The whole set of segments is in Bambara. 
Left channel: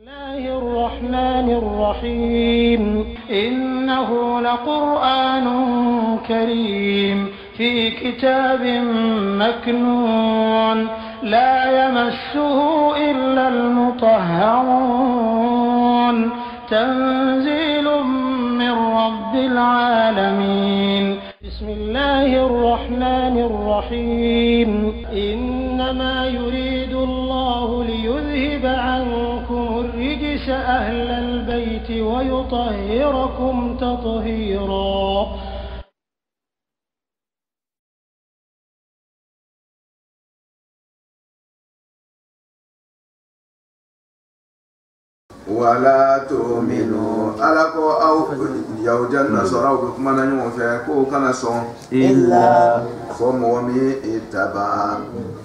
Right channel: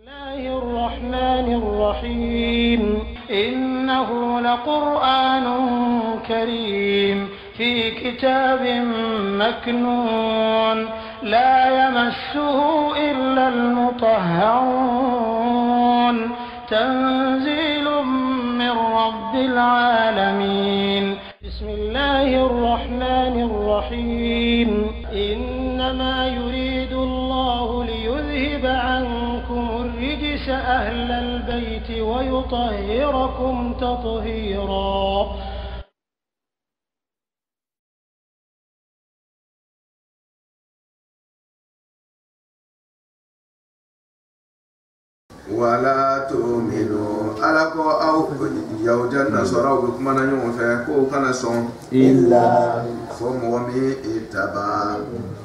الله الرحمن الرحيم إنه لقرآن كريم في كتاب مكنون لا يمسه إلا المطهرون تنزيل من رب العالمين بسم الله الرحمن الرحيم إنما يريد الله ليذهب عنكم الرجس أهل البيت ويطهركم تطهيرا. ولا تؤمنوا ألكو أو يوجد نصارى بكمنا يوم فيكو كان صون إلا فمومي اتبع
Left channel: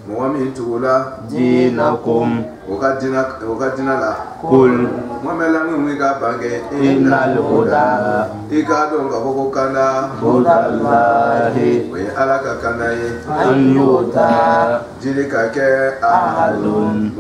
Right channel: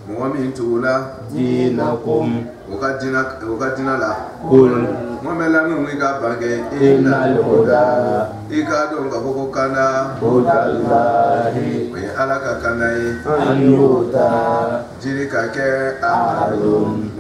مومي تولا دينكم وقدنا لا قل وملا ميغا باغي إن الهدى إيكادون غبوكو كانا هدى الله وي ألاكا كاناي أن يؤتى جيريكا كي أحد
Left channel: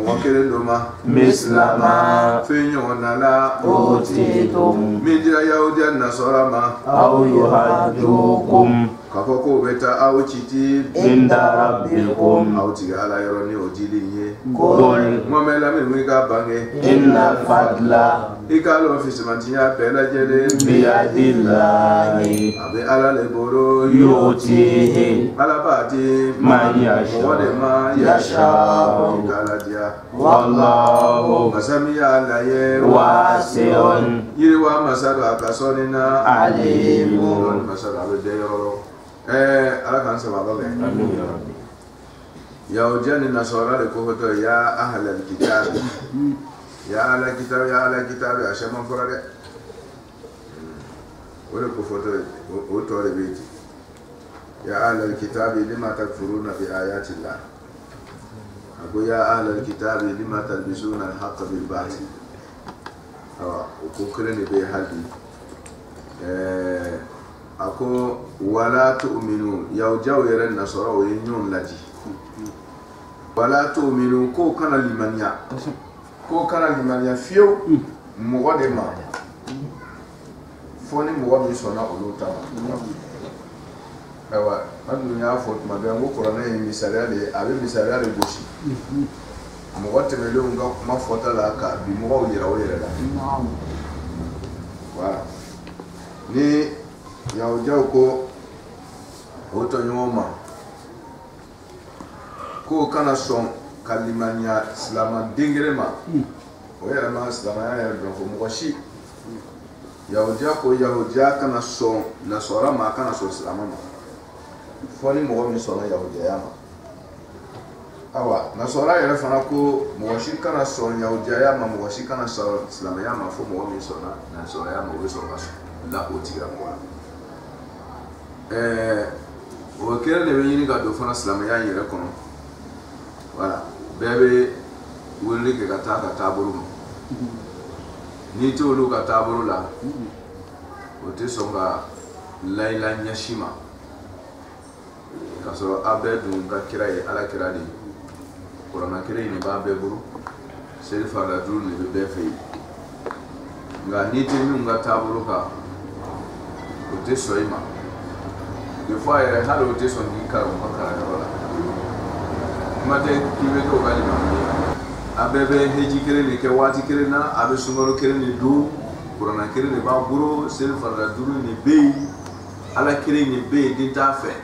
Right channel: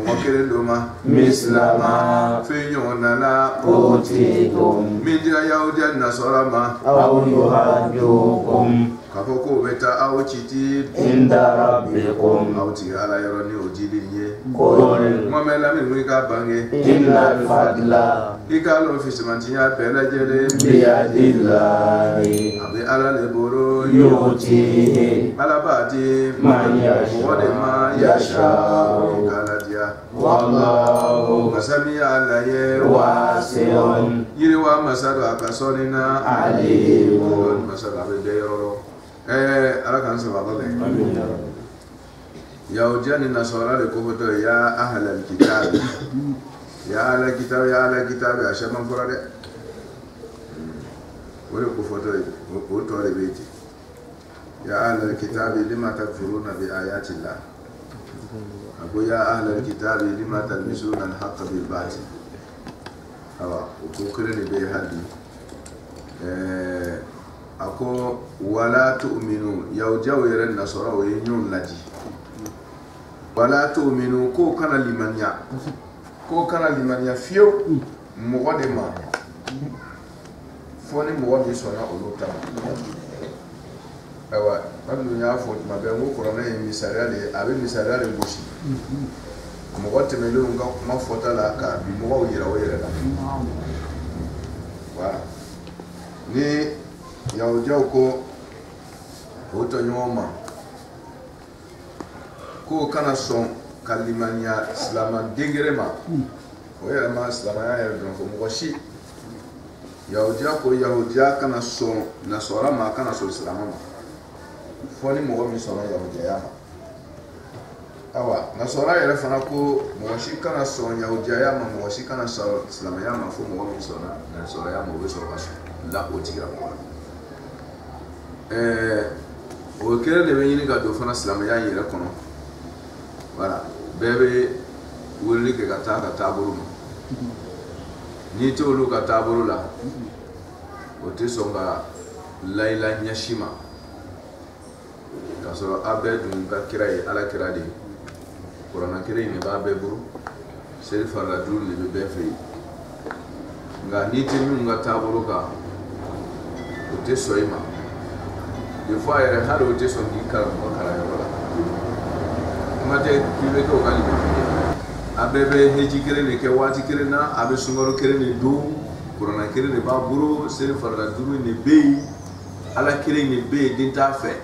موكيرين دوما مثل ما فينيونا لا أوتيتم من ديا يوجد نصارى ما أو يحجوكم kafoko beta awchiti inda rabbikum awti ala yoroni ojiliye qul momela milwika bange inna al-fadla ikalo fisimantiya bela jere biyadillahi abe ala leboro yu'tihi ala bati man yasha wode ma yasha kala dia wallahu masami ala ye wasi'un yiriwa masado akasonina alimun masado abe deyoro ala kan sababa be amin ya rabbi ya ujani nasara le ko hoto ya ahla alkitab ya ahla kitab ashama forade wala ko foto o to le beti ya ahla alkitab lima takfuruna bi ayati llah ago ya ahla alkitab lima talbisuna alhaqq bil batil awa ko krene be halbi ako wala tu'minu yaw jaweren nasara o yenyon laji wala tu'minu ko kana limaniya fiyo mogo de ma foni mogo mi sona olu tama awa madu nya fo ma be ngo korona e misaliale abe misaliale goshi mogo temelo nga ma fota la ka bi mogo yira o yira la voilà ni yaw jaw ko oto nyoma ko kana son kalimanya islama dingere ma o yara ma islama ya yara fo mo shi yaw jaw ko yaw jaw kana son nasara ma kana son islama ma foni mo mi sona yaw jaw ma awa nasara yara fana ko mo shi kana son yaw jaw ma mo shi kana son islama ya ma fo mo mi sona nasara ya mo so kaso la o tira mo o kere le yini ga do fana silamaya yere kono voilà bebe wuli ke kata taburu ni to lu ka taburu la o te songa laila nyashima kaso abedu ga kirai ala kiradi korona kirai ni ba beburu sel farla dur ni be fe nga ni te mi nga taburu ka o te soima des fois il y a des gens qui sont dit que mate kibe ko gali abebe heji kere ne ke wati kere na abe sungaro kere ne do kurana kere ne ba buro sel farda duru ne be ala kere ne be din ta fe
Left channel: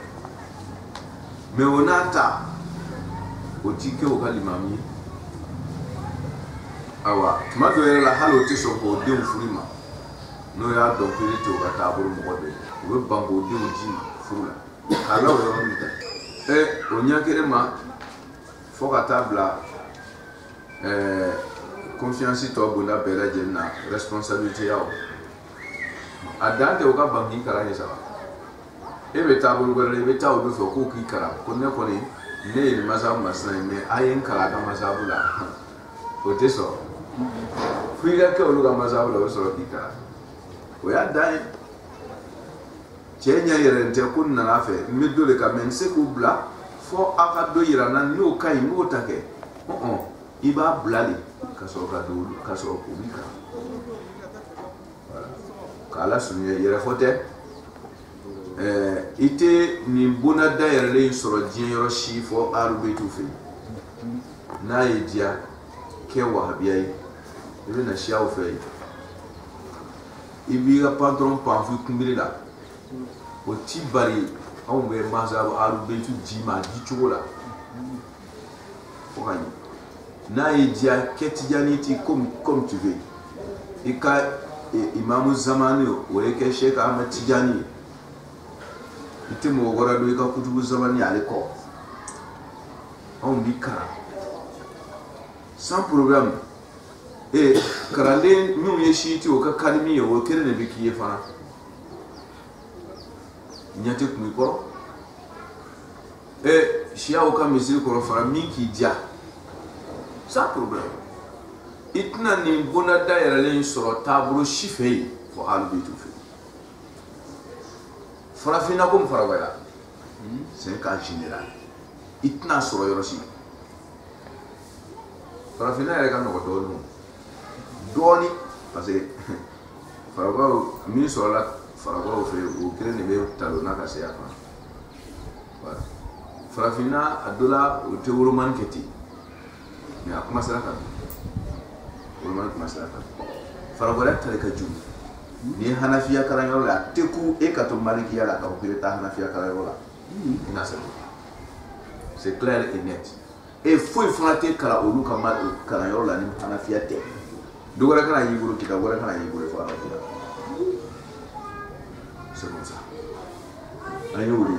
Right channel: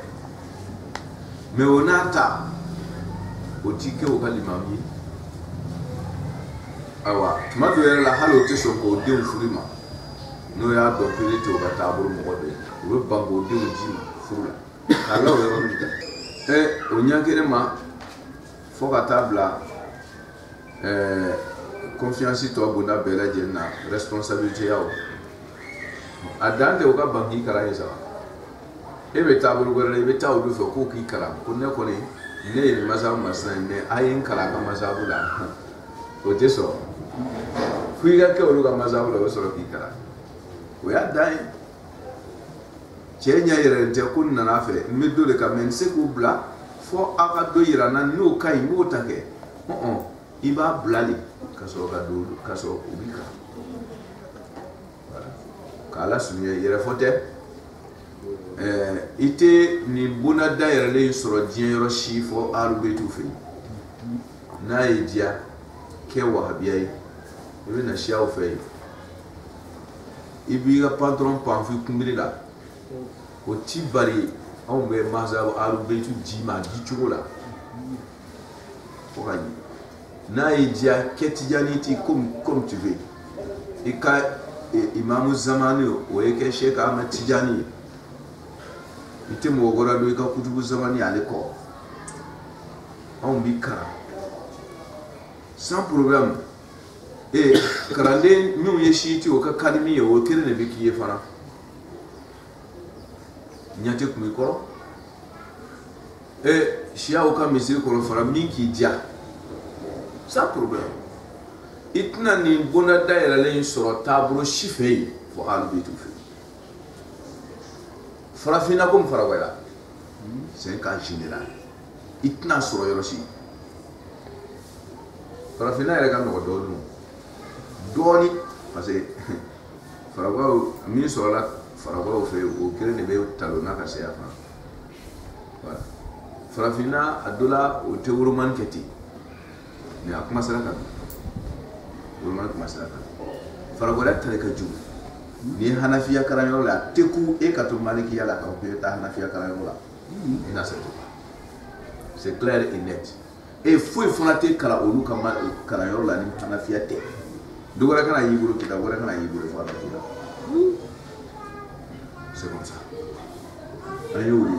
me onata o tike o gali mami awa mado yere la halo te so ko de furima no ya do kere te o ga taburu mo go be o bango de o jima furula Allah o yoro nita o nyakere ma fo ka tabla confiance to bunda bela jenna responsabilité yawo adante o ka bangi kara yesa e be tabulu gore be taw do fo ko ki kara ko ne ko ne ni masabu masna me ayen kara ka masabu la o te so fuiga ke o lu ka masabu la o so ki kara o ya dai chenya yerente kunna nafe middo le kamense ku bla fo aka do yirana no kai mota ke iba blali kaso ka do kaso ubika voilà kala sunye yere fote ite ni bona daire le soro dien yoro shifo alubetu fe na edia ke wahabiyai ibi na shiaw fe ibi ga patron panfu kumbiri la o tibari on be mazab alubetu jima dichola o gagner na edia ketijaniti comme tu veux et ka imam zamani o yake Sheikh Ahmad Tijani ite mo gora do ka kutubu zamani aliko on bikara sans problème et karande ñu yeshiti o ka kalimi o kere ne bikiye fana nyate kumi koro et shia o ka misir koro fara minki dia sans problème itna ni bona daira len soro tabro shifei fo albitu fi farafina comme farawala c'est un cas général itna soro yoroshi farafina era kan no doni parce que farawa mi soro la farawa fe o kire ne be talona ka se afa voilà farafina adola o teuro man keti mais a commencé à vraiment commencé à faragola tare ka jugu ni hanafiya karanyo la teku e ka to maliki ya la ka ko ta hanafiya karanyo la ina sa c'est clair et net et faut frotter kala olu ka mal karanyo la ni hanafiya te dogora kana yiguro kita dogora kana yiguro fa c'est comme ça ayo ri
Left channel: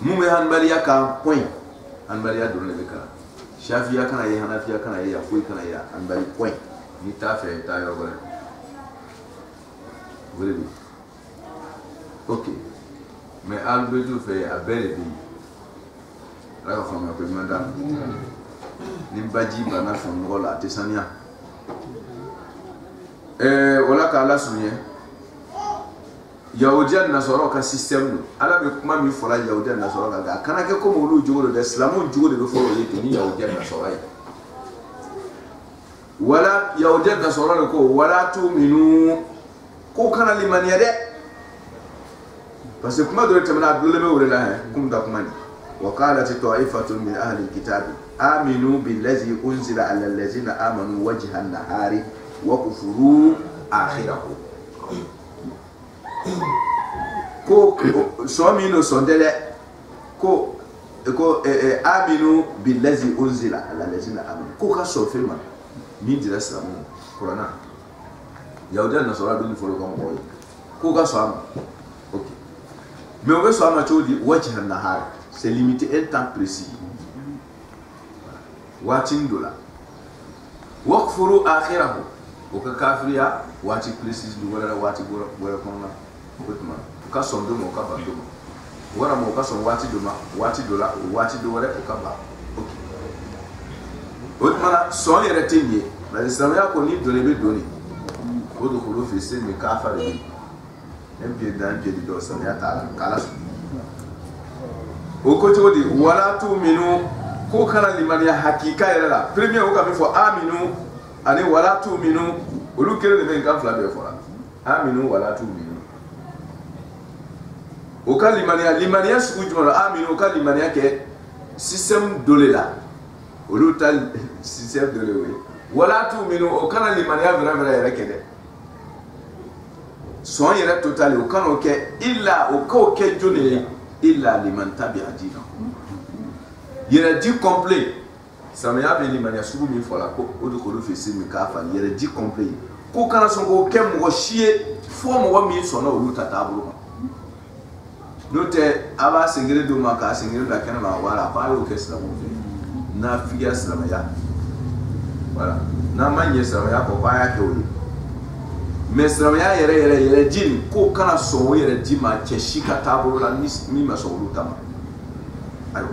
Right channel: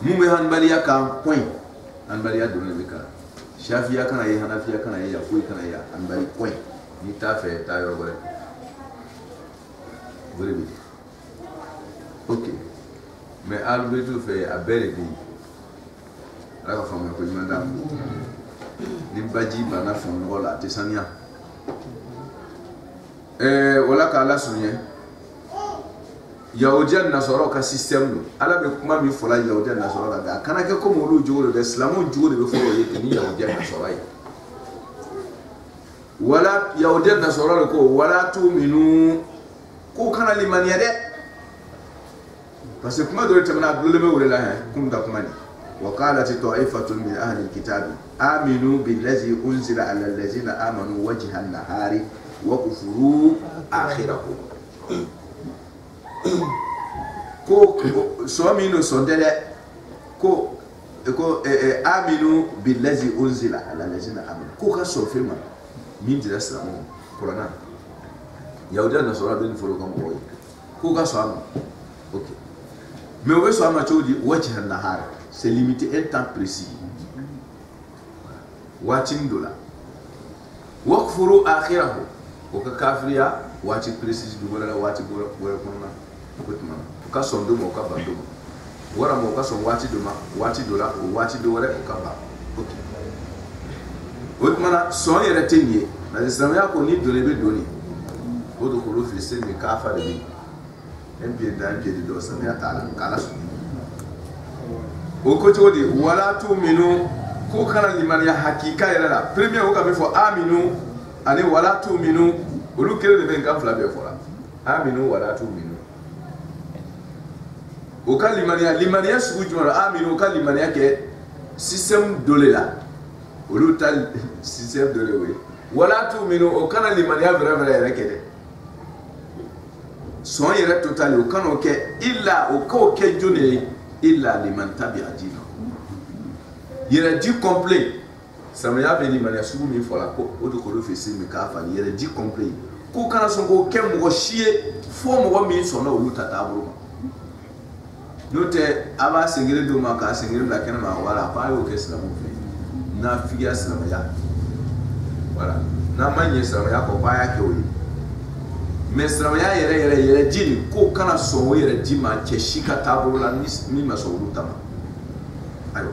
mu me hanbaliya ka point hanbaliya do ne kala Shafiya kana ye Hanafiya kana ye Yafoui kana ye Hanbali point ni ta fait ta yo gore bi ok mais albetu fait a belle bi la ka fama ko manda ni baji bana fam ngola tesania wala ka la sunye Yahudiya nasoro ka système no ala be kuma mi fola Yahudiya nasoro ga kana ke ko molu jogo de islamu jogo de foro yete ni Yahudiya nasoro ay wala Yahudiya nasoro ko wala tu'minu ko kana limaniya de parce que kuma do temna dole me wala ha kum da kuma ni wa qalat ta'ifatun min ahli alkitab aminu billazi unzila ala allazina amanu wajha an-nahari wa kufuru akhirahu ko so mi no sondele ko aminu billazi unzila ala allazina amanu ko ka so filma min dira salamu qur'ana Yahudiya nasara bin folo ko mo ko ka so am OK mais on veut so am chodi wajha an-nahar c'est limité un temps précis watin dola wakfuru akhirahu o ka kafriya wati précis du wala wati gora kono kutuma ka son do mo ka ba do mo wara mo ka son wati do ma wati do la wati do wala o ka ba OK otmana son yere tenye na islam ya ko ni do lebe doni o do khulu fi sin mi ka fa de MP dan je do so ya taala kala su o ko todi wala tu minu ko kana liman ya hakika yere la premier o ka be fo aminu ani wala tu minu olu kere de ben kan fla be fora aminu wala tu minu o ka limaniya sugu jumɛn aminu o ka limaniya kɛ système dole la olu ta système dole we wala tu minu o kana limaniya vrai yɛrɛ kɛ dɛ sɔn yɛrɛ total o kana o kɛ illa o ka o kɛ jone illa liman tabi'a dinahu yɛrɛ di complet samaya bɛ limaniya sugu min fɔla ko o de k'olu fɛ se min k'a fali yɛrɛ di complet ko kana sɔn k'o kɛ mɔgɔ si ye fo mɔgɔ min sɔnna olu ta taabolo ma n'o tɛ a b'a sengere d'o ma k'a sengere bila kɛnɛ ma wala ko a y'o kɛ silamɛw fɛ n'a figiya silamɛya voilà n'a ma ɲɛ silamɛya kɔ ko a y'a kɛ o ye mais silamɛya yɛrɛ di nin ko kana sɔn o yɛrɛ di ma cɛ si ka taabolo la min ma sɔn olu ta ma ayiwa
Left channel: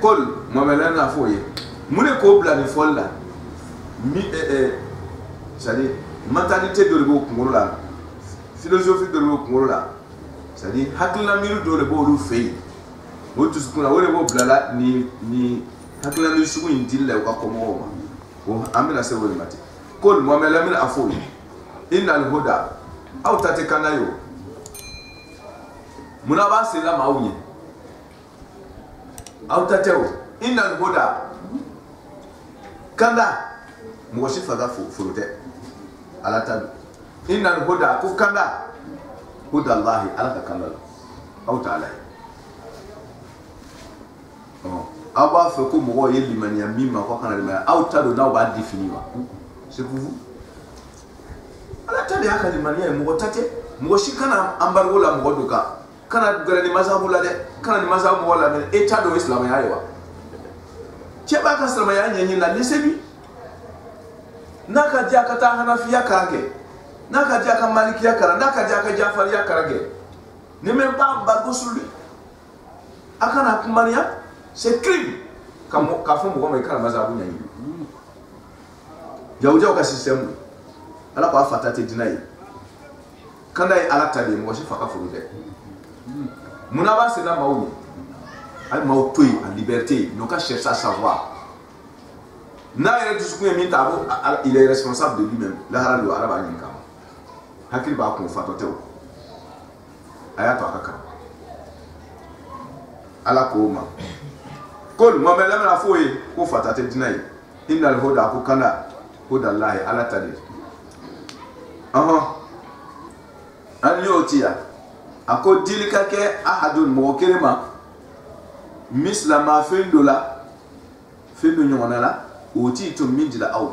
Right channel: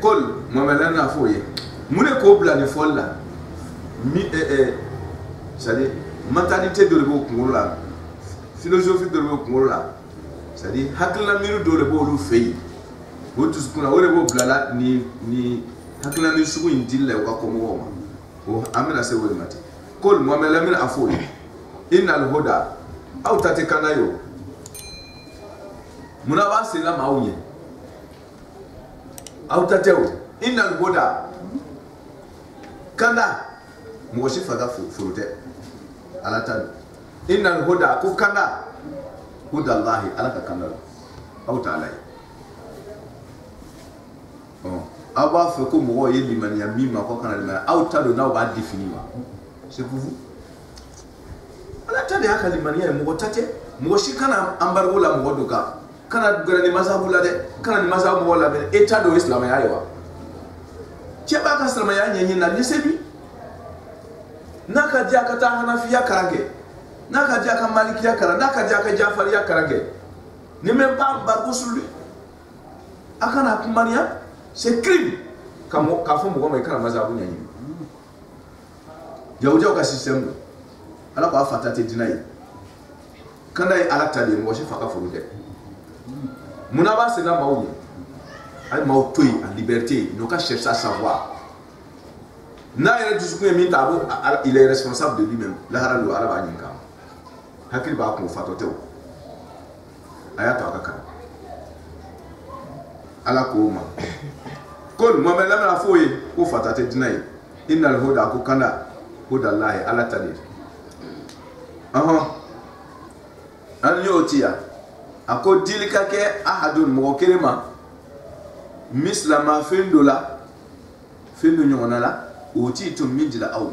Kol Mohamed n'a fɔ ye mun de k'o bila nin fɔli la c'est-à-dire mentalité dɔ de b'o kunkolo la philosophie dɔ de b'o kunkolo la c'est-à-dire hakilina miiri dɔ de b'olu fɛ yen o dusukun na o de b'o bila la ni hakila mi sugu indilla ko ko mo ma o amina se wori mati kol mo mela min afoyi innal huda aw tati kanayo munaba sila mawunye aw tateo innal huda kanda mo shi faga furute ala tan innal huda ku kanda huda allah ala ka kanda aw ta'ala awa fe ko mo ye limaniya mima ko kana limaniya aw tado na ba définir wa c'est pour vous ala tade aka limaniya mo tate mo shi kana ambargo la mo duka kana garani mazhabu la de kana ni mazhabu wala men état do islam ya yawa ce ba ka islam ya nyenyi na lisebi naka ja ka ta hanafiya karage naka ja ka malikiya karage naka ja ka jafariya karage ni même pas bargo sulu akana kumaniya c'est crime comme kafo mo ma ikara mazabu nyanyi jawjaw ka system ala ko afata te dinai kanda ala tali mo shi faka furude munaba c'est na mawu ay mawtoy en liberté no ka chercher à savoir na yere du suku mi tabo il est responsable de lui-même la haralo ala ba nyinka hakil ba ko fatote ayato akaka ala ko ma kol mo mela na foye ko fatate dinai innal huda ku kana huda allah ala tadir an yotiya ako dilika ke ahadun mo kelema mislama fendola fendo nyona la oti to mindila aw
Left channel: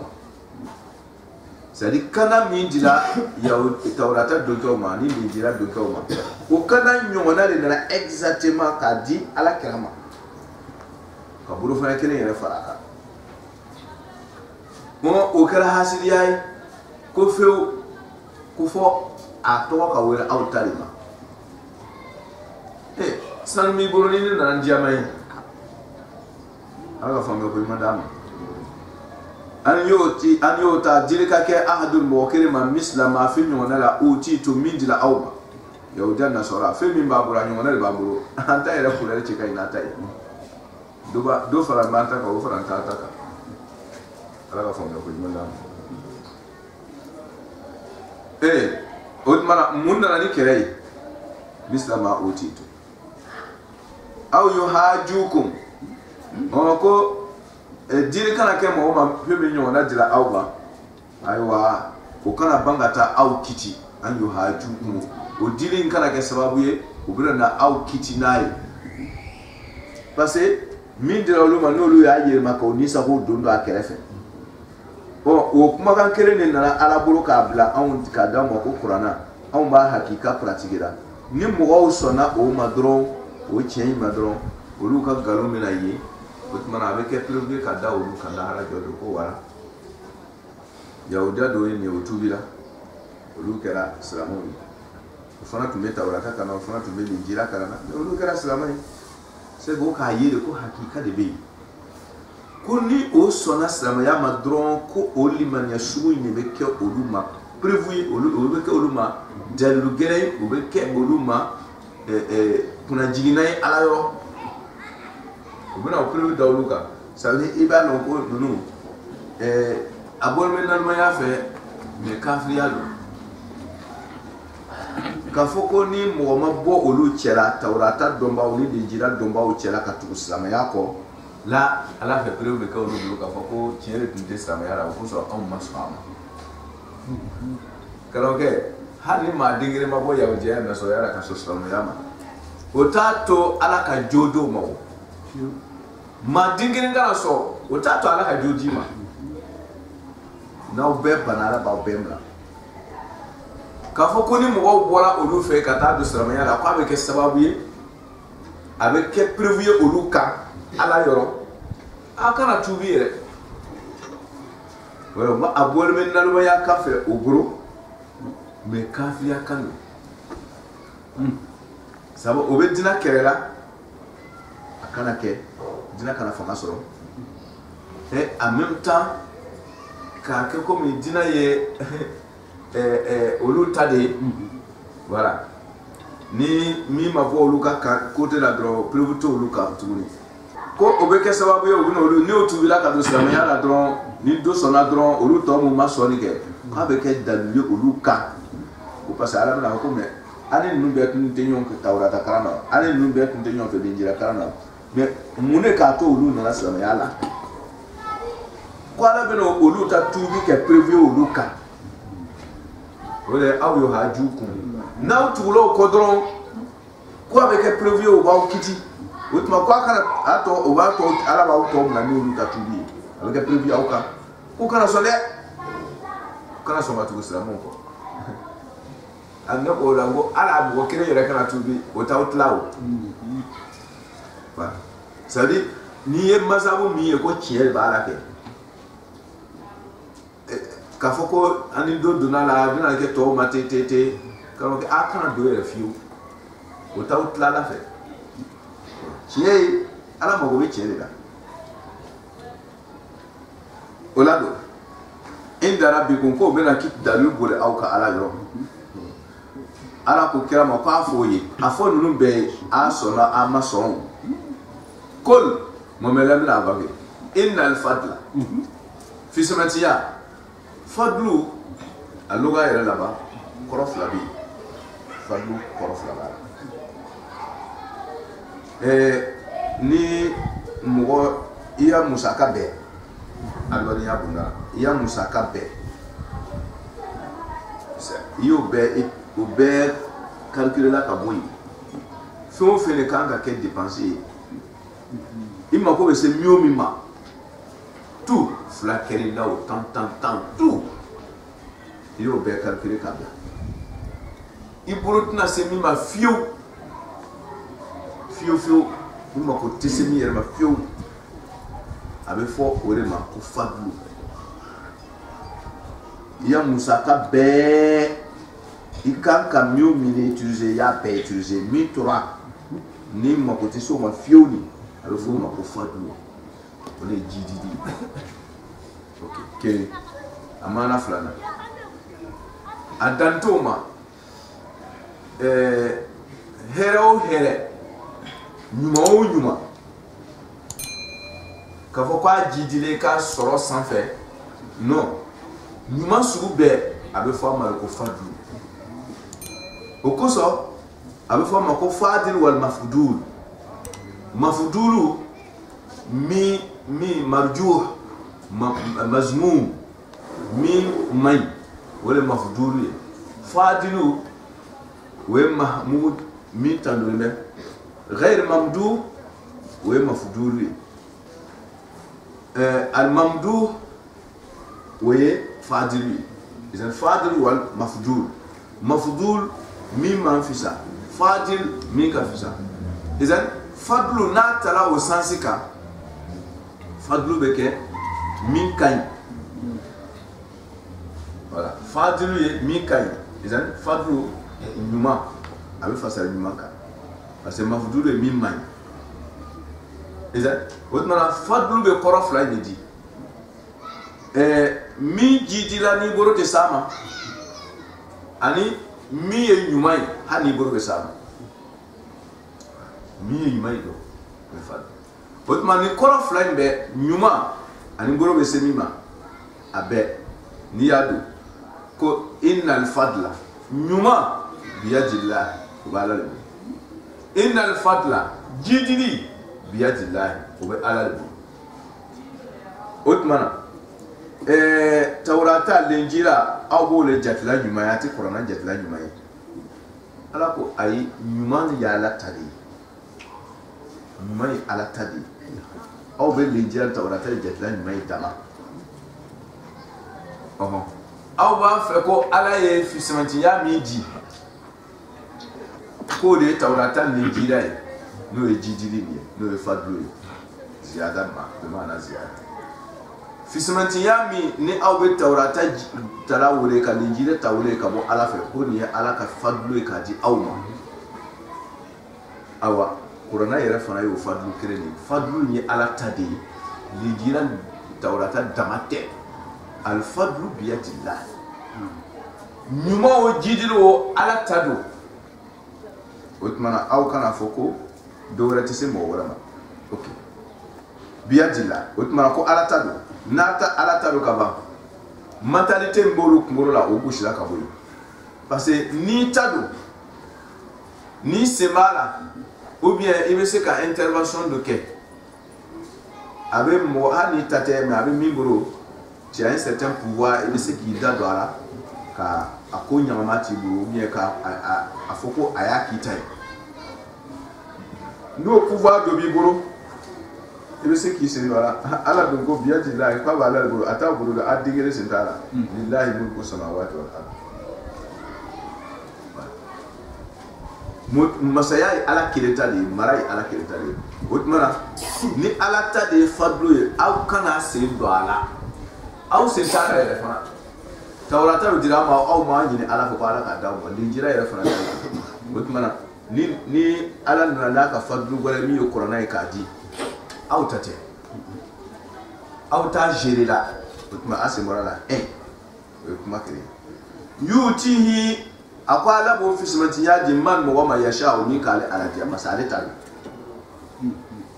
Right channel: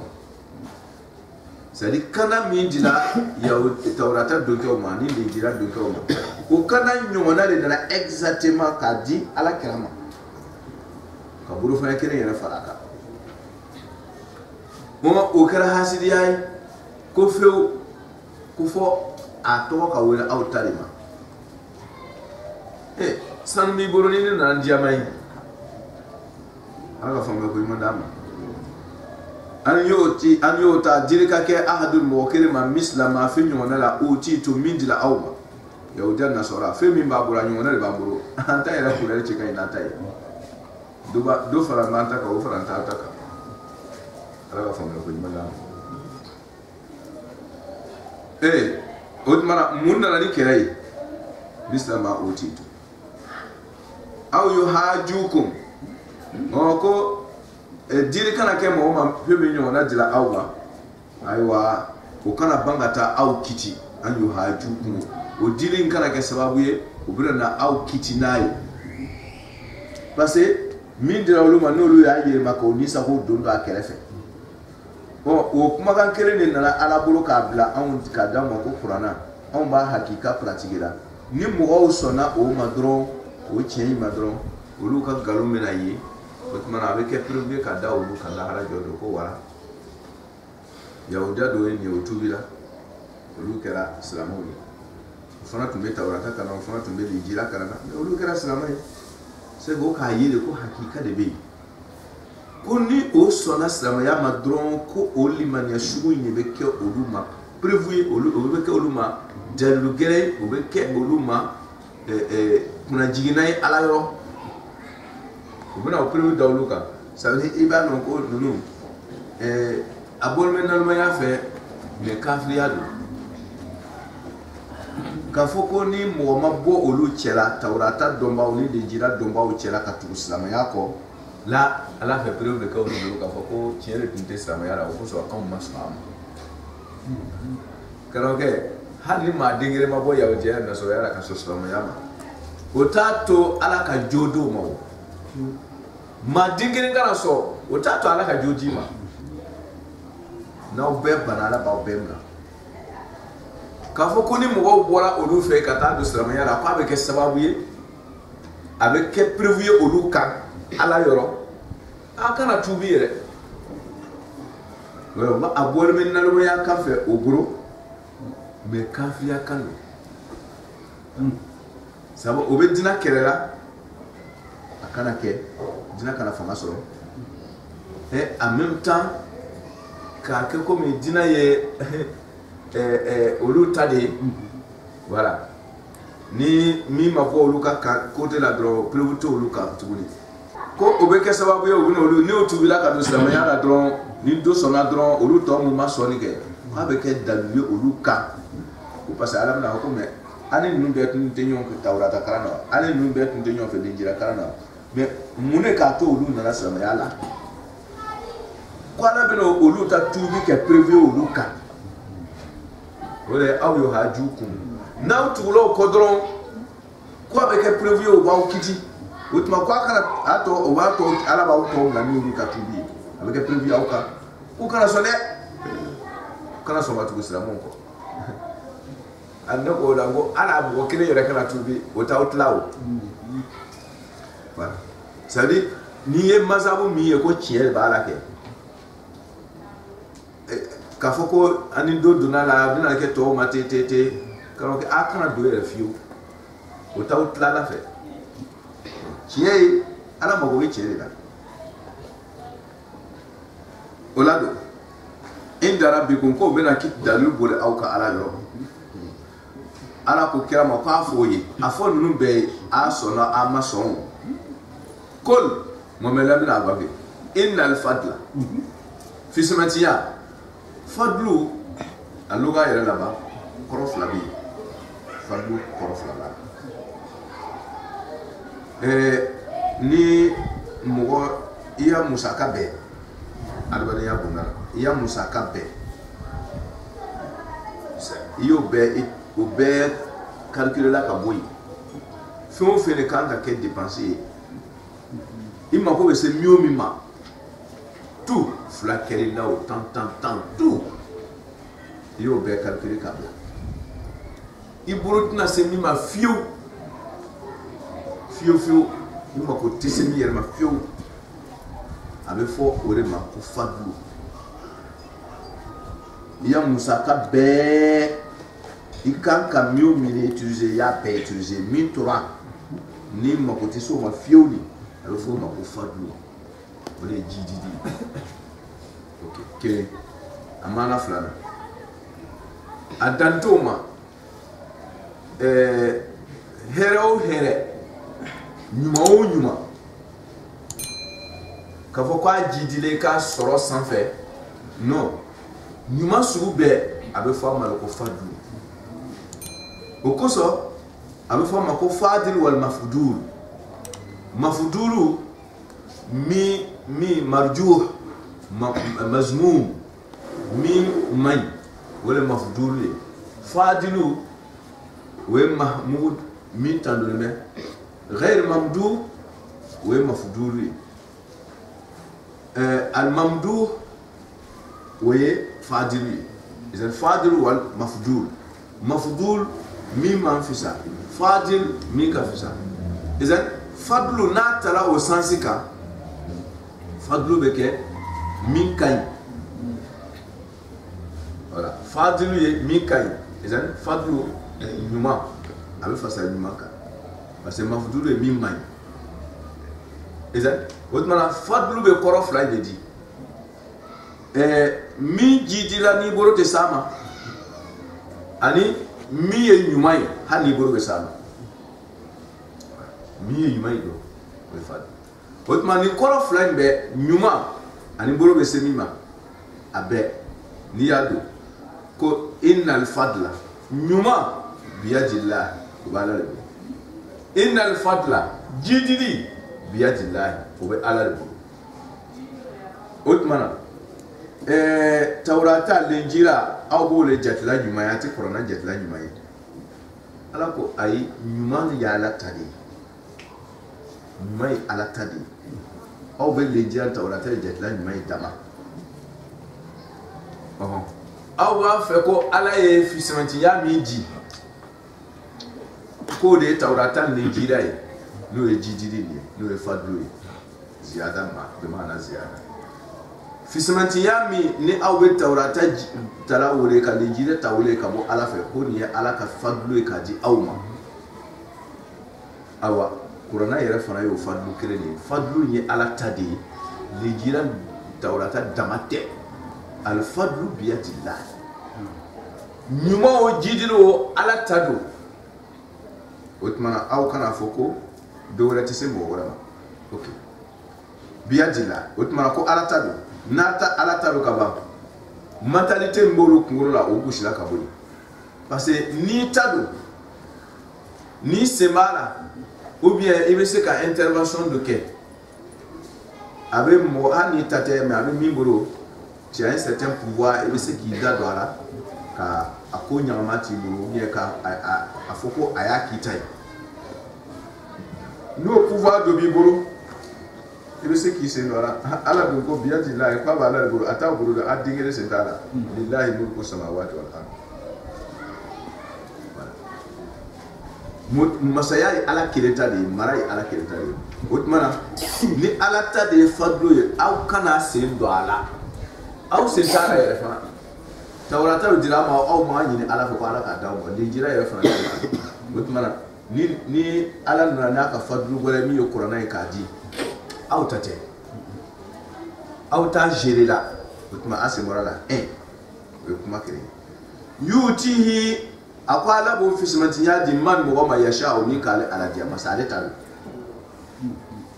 sadi kana mindila ya tawrata do ko ma ni mindila do ko ma o kana nyona le na exactement ka di ala kirama ka buru fa kene yere faraka mo o kara hasidi ay ko few ko fo a to ka wera aw tarima san mi buru ni na njamai aga fa me ko madama an yota dilika ke ahadul muwakkil ma misla ma fi nyona la uti to mindila awma yaudan nasara fe min babura nyona le baburo anta ira kulere chika ina tai do fara manta ko fara ta ta ala fa me ko madama odmana munna ni kerei misla ma uti to aw yuhajukum ko diri kana ke mo ma pebe nyo na dira awba aywa o kana bangata aw kiti an yuhajukum o diri kana ke sababu ye o bira na aw kiti nayi parce min dira luma no lu ya ye mako ni sa ko dondo akerefe o kuma kan kere ne na ala buru ka bla an ka da mo ko qur'ana an ba hakika pratiquera ni mo o sona o madron o chien madron o lu ka galo mena yi o kuma na be ke preuve ka da o lu ka la hara jodo ko wara yahuda do ni o tubila o lu kera islamawi o fana tumbe tawrata kana o fana tumbe injila kana o lu kera islamawi c'est go ka yi ko hakika de be koni o sona islama ya madron ko o limania sugu ni be ke o lu ma preuve o lu be ke o lu ma dalu gere o be ke o lu ma kuna jiginai ala yoro ubena o preuve dawluka ça veut dire iba non ko nunu abol men nan ma ya fe me kafriyado ka foko ni mo ma bo olu chela tawrata domba olu de jira domba o chela ka tu islam ya ko la ala fe preuve ka olu ka foko chere tunte islam ya ra ko so on masfama karoke hali ma dingire ma bo ya o je na so ya ra ka so islam ya ma otato ala ka jodo mawo ma dingire ngara so otato ala ka jodi ma na obe banara ba obemla ka fo ko ni mo bora olu fe kata do sramanya da kwa be ke sababu ye avec ke prévu olu ka ala yoro akana tubire wala ma abol men nalu ya kafe ogro me kafi ya kan sabo obedina kerela akana ke dina kana fama soro et en même temps ka ke comme dina ye olu tade voilà ni mi ma vo olu ka côté la dro prévuto olu ka tuguni ko o bɛ kɛ sababu ye u bɛ olu ni o tubila ka don silamɛya la dɔrɔn ni dɔ sɔnna dɔrɔn olu tɔ mun ma sɔnni kɛ k'a bɛ kɛ dalilu ye olu kan ko parce que ala bɛna fɔ ko mɛ ani ninnu bɛɛ tun tɛ ɲɔgɔn fɛ tawurata kalan na ani ninnu bɛɛ tun tɛ ɲɔgɔn fɛ linjira kalan na mɛ mun de k'a to olu nana silamɛya la ko ala bɛna olu ta tuubi kɛ prévu olu kan o de aw y'o haju kun n'aw tugula o kɔ dɔrɔn ko a bɛ kɛ prévu ye o b'aw kiti o tuma ko a kana a tɔ o b'a tɔ ala b'aw tɔ bila n'olu ka tuubi ye a bɛ kɛ prévu ye aw kan k'u kana sɔn dɛ kana sɔn ka tugu silamɛw kɔ a ne ko la ko ala mɔgɔ kelen yɛrɛ kana tuubi o t'aw tila o c'est à dire n'i ye masabu min ye ko tiɲɛ de b'a la kɛ k'a fɔ ko ani dɔ donna la a bɛna kɛ tɔw ma te k'a fɔ a kana don yɛrɛ fiyewu o t'aw tila la fɛ tiɲɛ ye ala mago bɛ tiɲɛ de la o la don in dara bi kun ko bɛna dalilu boli aw ka ala yɔrɔ ala ko kira ma k'a fɔ o ye a fɔ ninnu bɛɛ ye a sɔnna a ma sɔn o kol mɔmɛlɛ bɛna a bange innal fadla fisimatiya fadlu a loga yɛrɛ laban kɔrɔ fila bɛ yen fadlu kɔrɔ fila b'a la ni mɔgɔ i ya musaka bɛɛ adamadenya bonda la i ya musaka bɛɛ i y'o bɛɛ o bɛɛ calculer ka bɔ yen fɛn o fɛn de kan ka kɛ dépense ye i mako bɛ se min ma tout fila kɛr'i la o tan tout i y'o bɛɛ calculer ka bila i bolo tɛna se min ma fiyewu i mako tɛ se min yɛrɛ ma fiyewu a bɛ fɔ o de ma ko fadlu i ya musaka bɛɛ i kan ka min o min utiliser i y'a bɛɛ utiliser min tora ni mako tɛ se o ma fiyewu ni a bɛ fɔ o ma ko fadlu o de ye jididi ok kelen a maana filanan a dan t'o ma hɛrɛ o hɛrɛ ɲuman o ɲuman k'a fɔ k'a jidilen k'a sɔrɔ sanfɛ non ɲuman sugu bɛɛ a bɛ fɔ a ma ko fadlu o kosɔn a bɛ fɔ a ma ko fadil wal mafdul mafdulu min marjuh mazmum min may o le mafdulu ye fadilu o ye mahmud min tandolen bɛ غير ممدوح ومفضول الممدوح وفاضل اذا الفاضل والمفضول مفضول مما انفسا فاضل مين كفسا اذا فضل ناتلا وسانسكا فضل بك مين كاين voilà فاضل مين كاين اذا فضل نما ابي فسر نما كا parce que mafdulu est min main. Et ça, autrement, fadlu be koro fly de di. Mi jidi la ni boro te sama. Ani mi e nyumai ha ni boro be sama. Mi e nyumai do be fad. Autrement, ni koro fly be nyuma ani boro be semima. Abe ni yado ko innal fadla nyuma biyadillah wala le. Innal fadla jidili biyadillahi o bɛ ala de bolo o tuma na tawurata lenjira aw b'o le jatila ɲuman ye a tɛ kuranna jatila ɲuman ye ala ko ayi ɲuman ye ala ta de ye ɲuman ye ala ta de ye aw bɛ lenjira tawurata le jatila ɲuman ye dama aw b'a fɛ ko ala ye fisamantiya min di ko de tawrata ni jira ye n'o ye jidili ye n'o ye fadlu ye ziyada ma bɛ maana ziyada fisamantiya min ni aw bɛ tawrata tala wele ka linjira ta wele ka bɔ ala fɛ ko nin ye ala ka fadlu ye k'a di aw ma awa kuranna yɛrɛ fana y'o fadlu kelen de ye fadlu ye ala ta de ye linjira tawrata dama tɛ alfadlu biyadillah ɲuman o jidili o ala ta do o tuma na aw kana fɔ ko dɔ wɛrɛ tɛ se mɔgɔ wɛrɛ ma ok biyadila o tuma ko ala ta do nata ala ta do ka ban mentalité mbolo kungolo la o gusila ka boyi parce que ni ta do ni semala ou bien il veut se ka intervention de quai avec moi ni tate mais avec mimboro tu as un certain pouvoir il veut se qui da do ala ka akonya mamati buru ou bien ka afoko aya kitai no pouvoir de biboro il veut se qui se do ala ala do ko biaji la ko ba ala buru ata buru da adigere sentala lillahi mulku samawati wal ard masaya ala kileta de marai ala kileta de otmana ni ala ta de fadlo ye aw kana se do ala aw se tara yere fana tawrata dira ma aw ma nyini ala ko ala ka dawo de jira yere fana otmana ni ala na ka fadlo gore mi yo corona ka di aw tate aw ta gérer la otma ase morala we kuma kire yutihi akwa la bo fismanti ya di man mo ma yasha o mi kale ala dia masale talu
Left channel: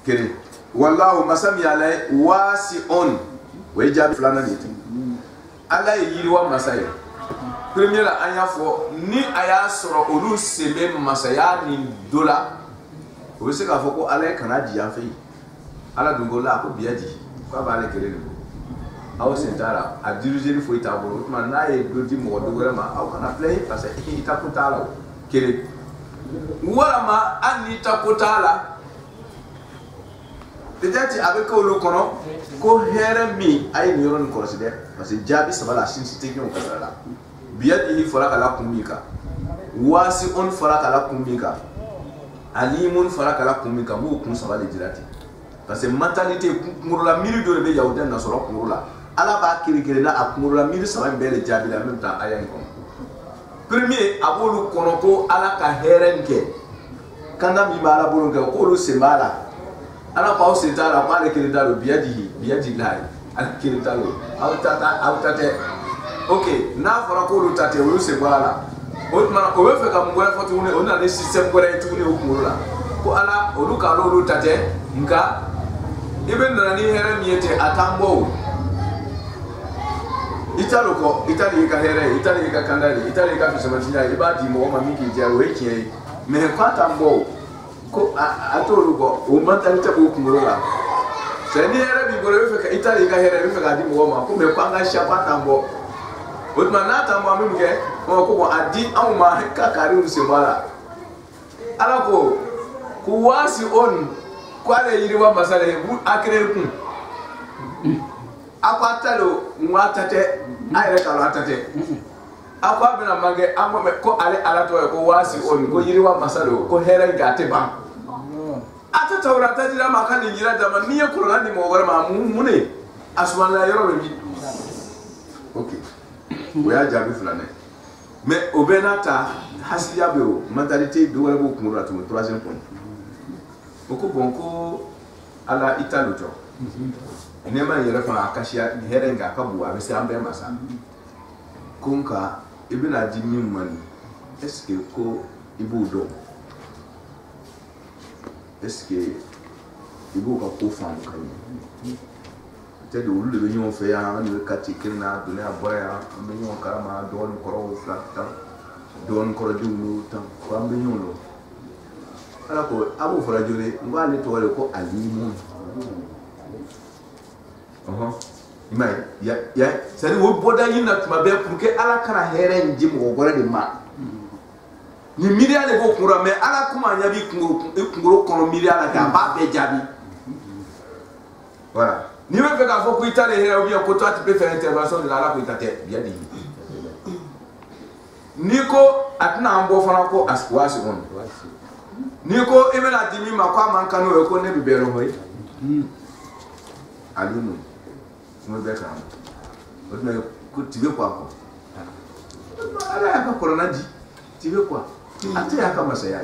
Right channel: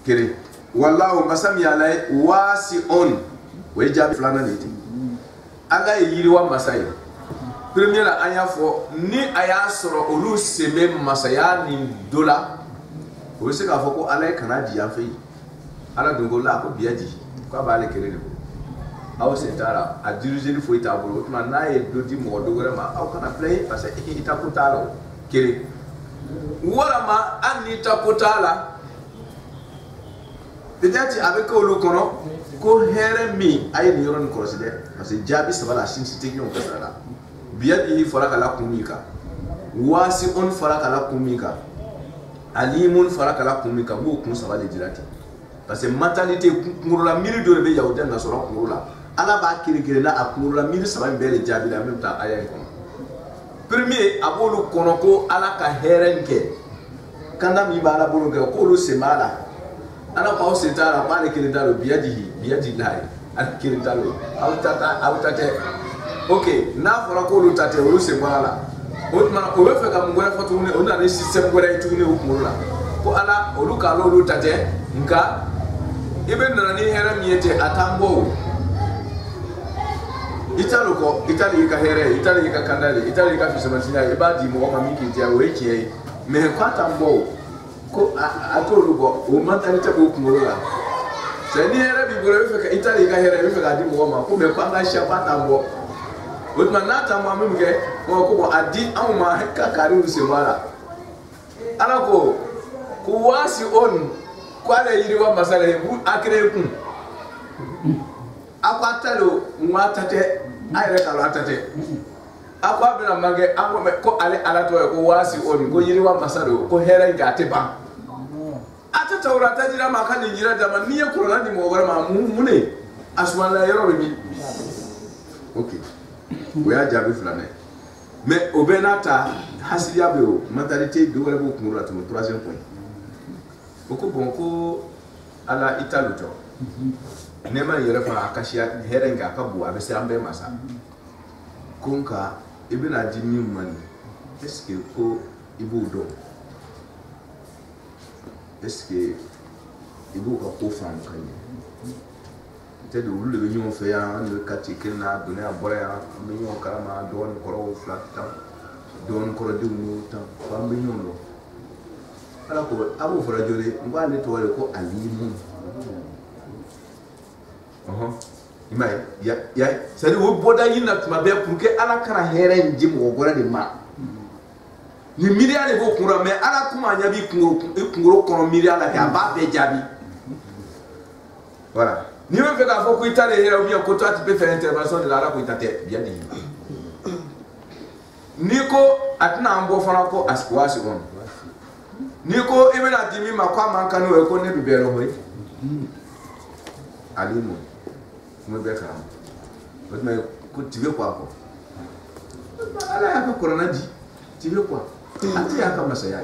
kire wallahu masam ya la wasi'un we jabi flana niti ala yiri wa masaya premier la anya fo ni aya soro olu seme masaya ni dola o se ka fo ko ala kana di ya fe ala dungo la ko biaji ko ba le kire ne aw sentara a diriger fo ita bolo tuma na e do di mo do ma aw kana play parce que ita kutala kere wala ma an ita kutala peut-être avec le kono ko here mi ay ni ron consider parce que jabi sabala shin site nyon kasala biyadihi faraka la kumika wasi on faraka la kumika alimun faraka la kumika mo kun sabale dirati parce que mentalité ngurula miri do be yawden na soro ngurula ala ba kiri na akumurula miri saba mbele jabi la même temps ayan kono premier abolu kono ko ala ka herenke kanda mi bala bolu ke ko lu semala ala pa o setara pa le kiri dalo biadi lai al kiri dalo autate ok na fora ko lu tate lu semala o mana o be fe ka mungore fotu ne ona ne système gore tu ne okumurula ko ala olu ka lu tate nka ibe ndana ni heremiete atambo italo ko itali ka here itali ka kandali itali ka fisamatinya ibadi mo ma miki dia wekie me kwata mbo ko atolu ko o mentalité ko kumorola seni here bi bore fe ka itali ka here fe ka di mo ma ko me kwanga sha kwata mbo otma na ta mo amke ko ko adi amuma ka kari usimara ala ko wasi on kwale yiriwa masale akre kun akwatalo mwatate ayre kala atate akwa bina mage amwe ko ale alato ko wasi on ko yiriwa masalo ko here gate ba atata urata jira makani jira dama niye corona di mo gore ma mune aswala yoro bi okay we a jabi flane mais obenata hasiya be o mentalité do wala bo kumura to 3e point boko bonko ala italo to nema yere fana akashia herenga kabu abese ambe masa kunka ibina dimi mani est-ce que ko ibu do est-ce que ibu ka ko fam kanye te do lu be nyon fe ya no kati kirna do na boya ambe nyon karama don koro flata don koro dimu tam ko ambe nyon lo ala ko abu fara jore ngale to wale ko alimun imai ya sari wo boda yina tuma be pour que ala kana here njim go gore de ma ni miria le go kura me ala kuma nya bi kunguro kono miria la ka ba be jabi voilà ni me fe ka fo ku itale here ou bien ko toi tu peux faire intervention de la ko itate bien dit niko atna ambo fana ko askwasi on niko ibena dimi makwa mankano ko ne bibero hoy alimu mo be kam o me ko tibe kwa ko ala ya ka corona di tibe kwa ati ya ka masaya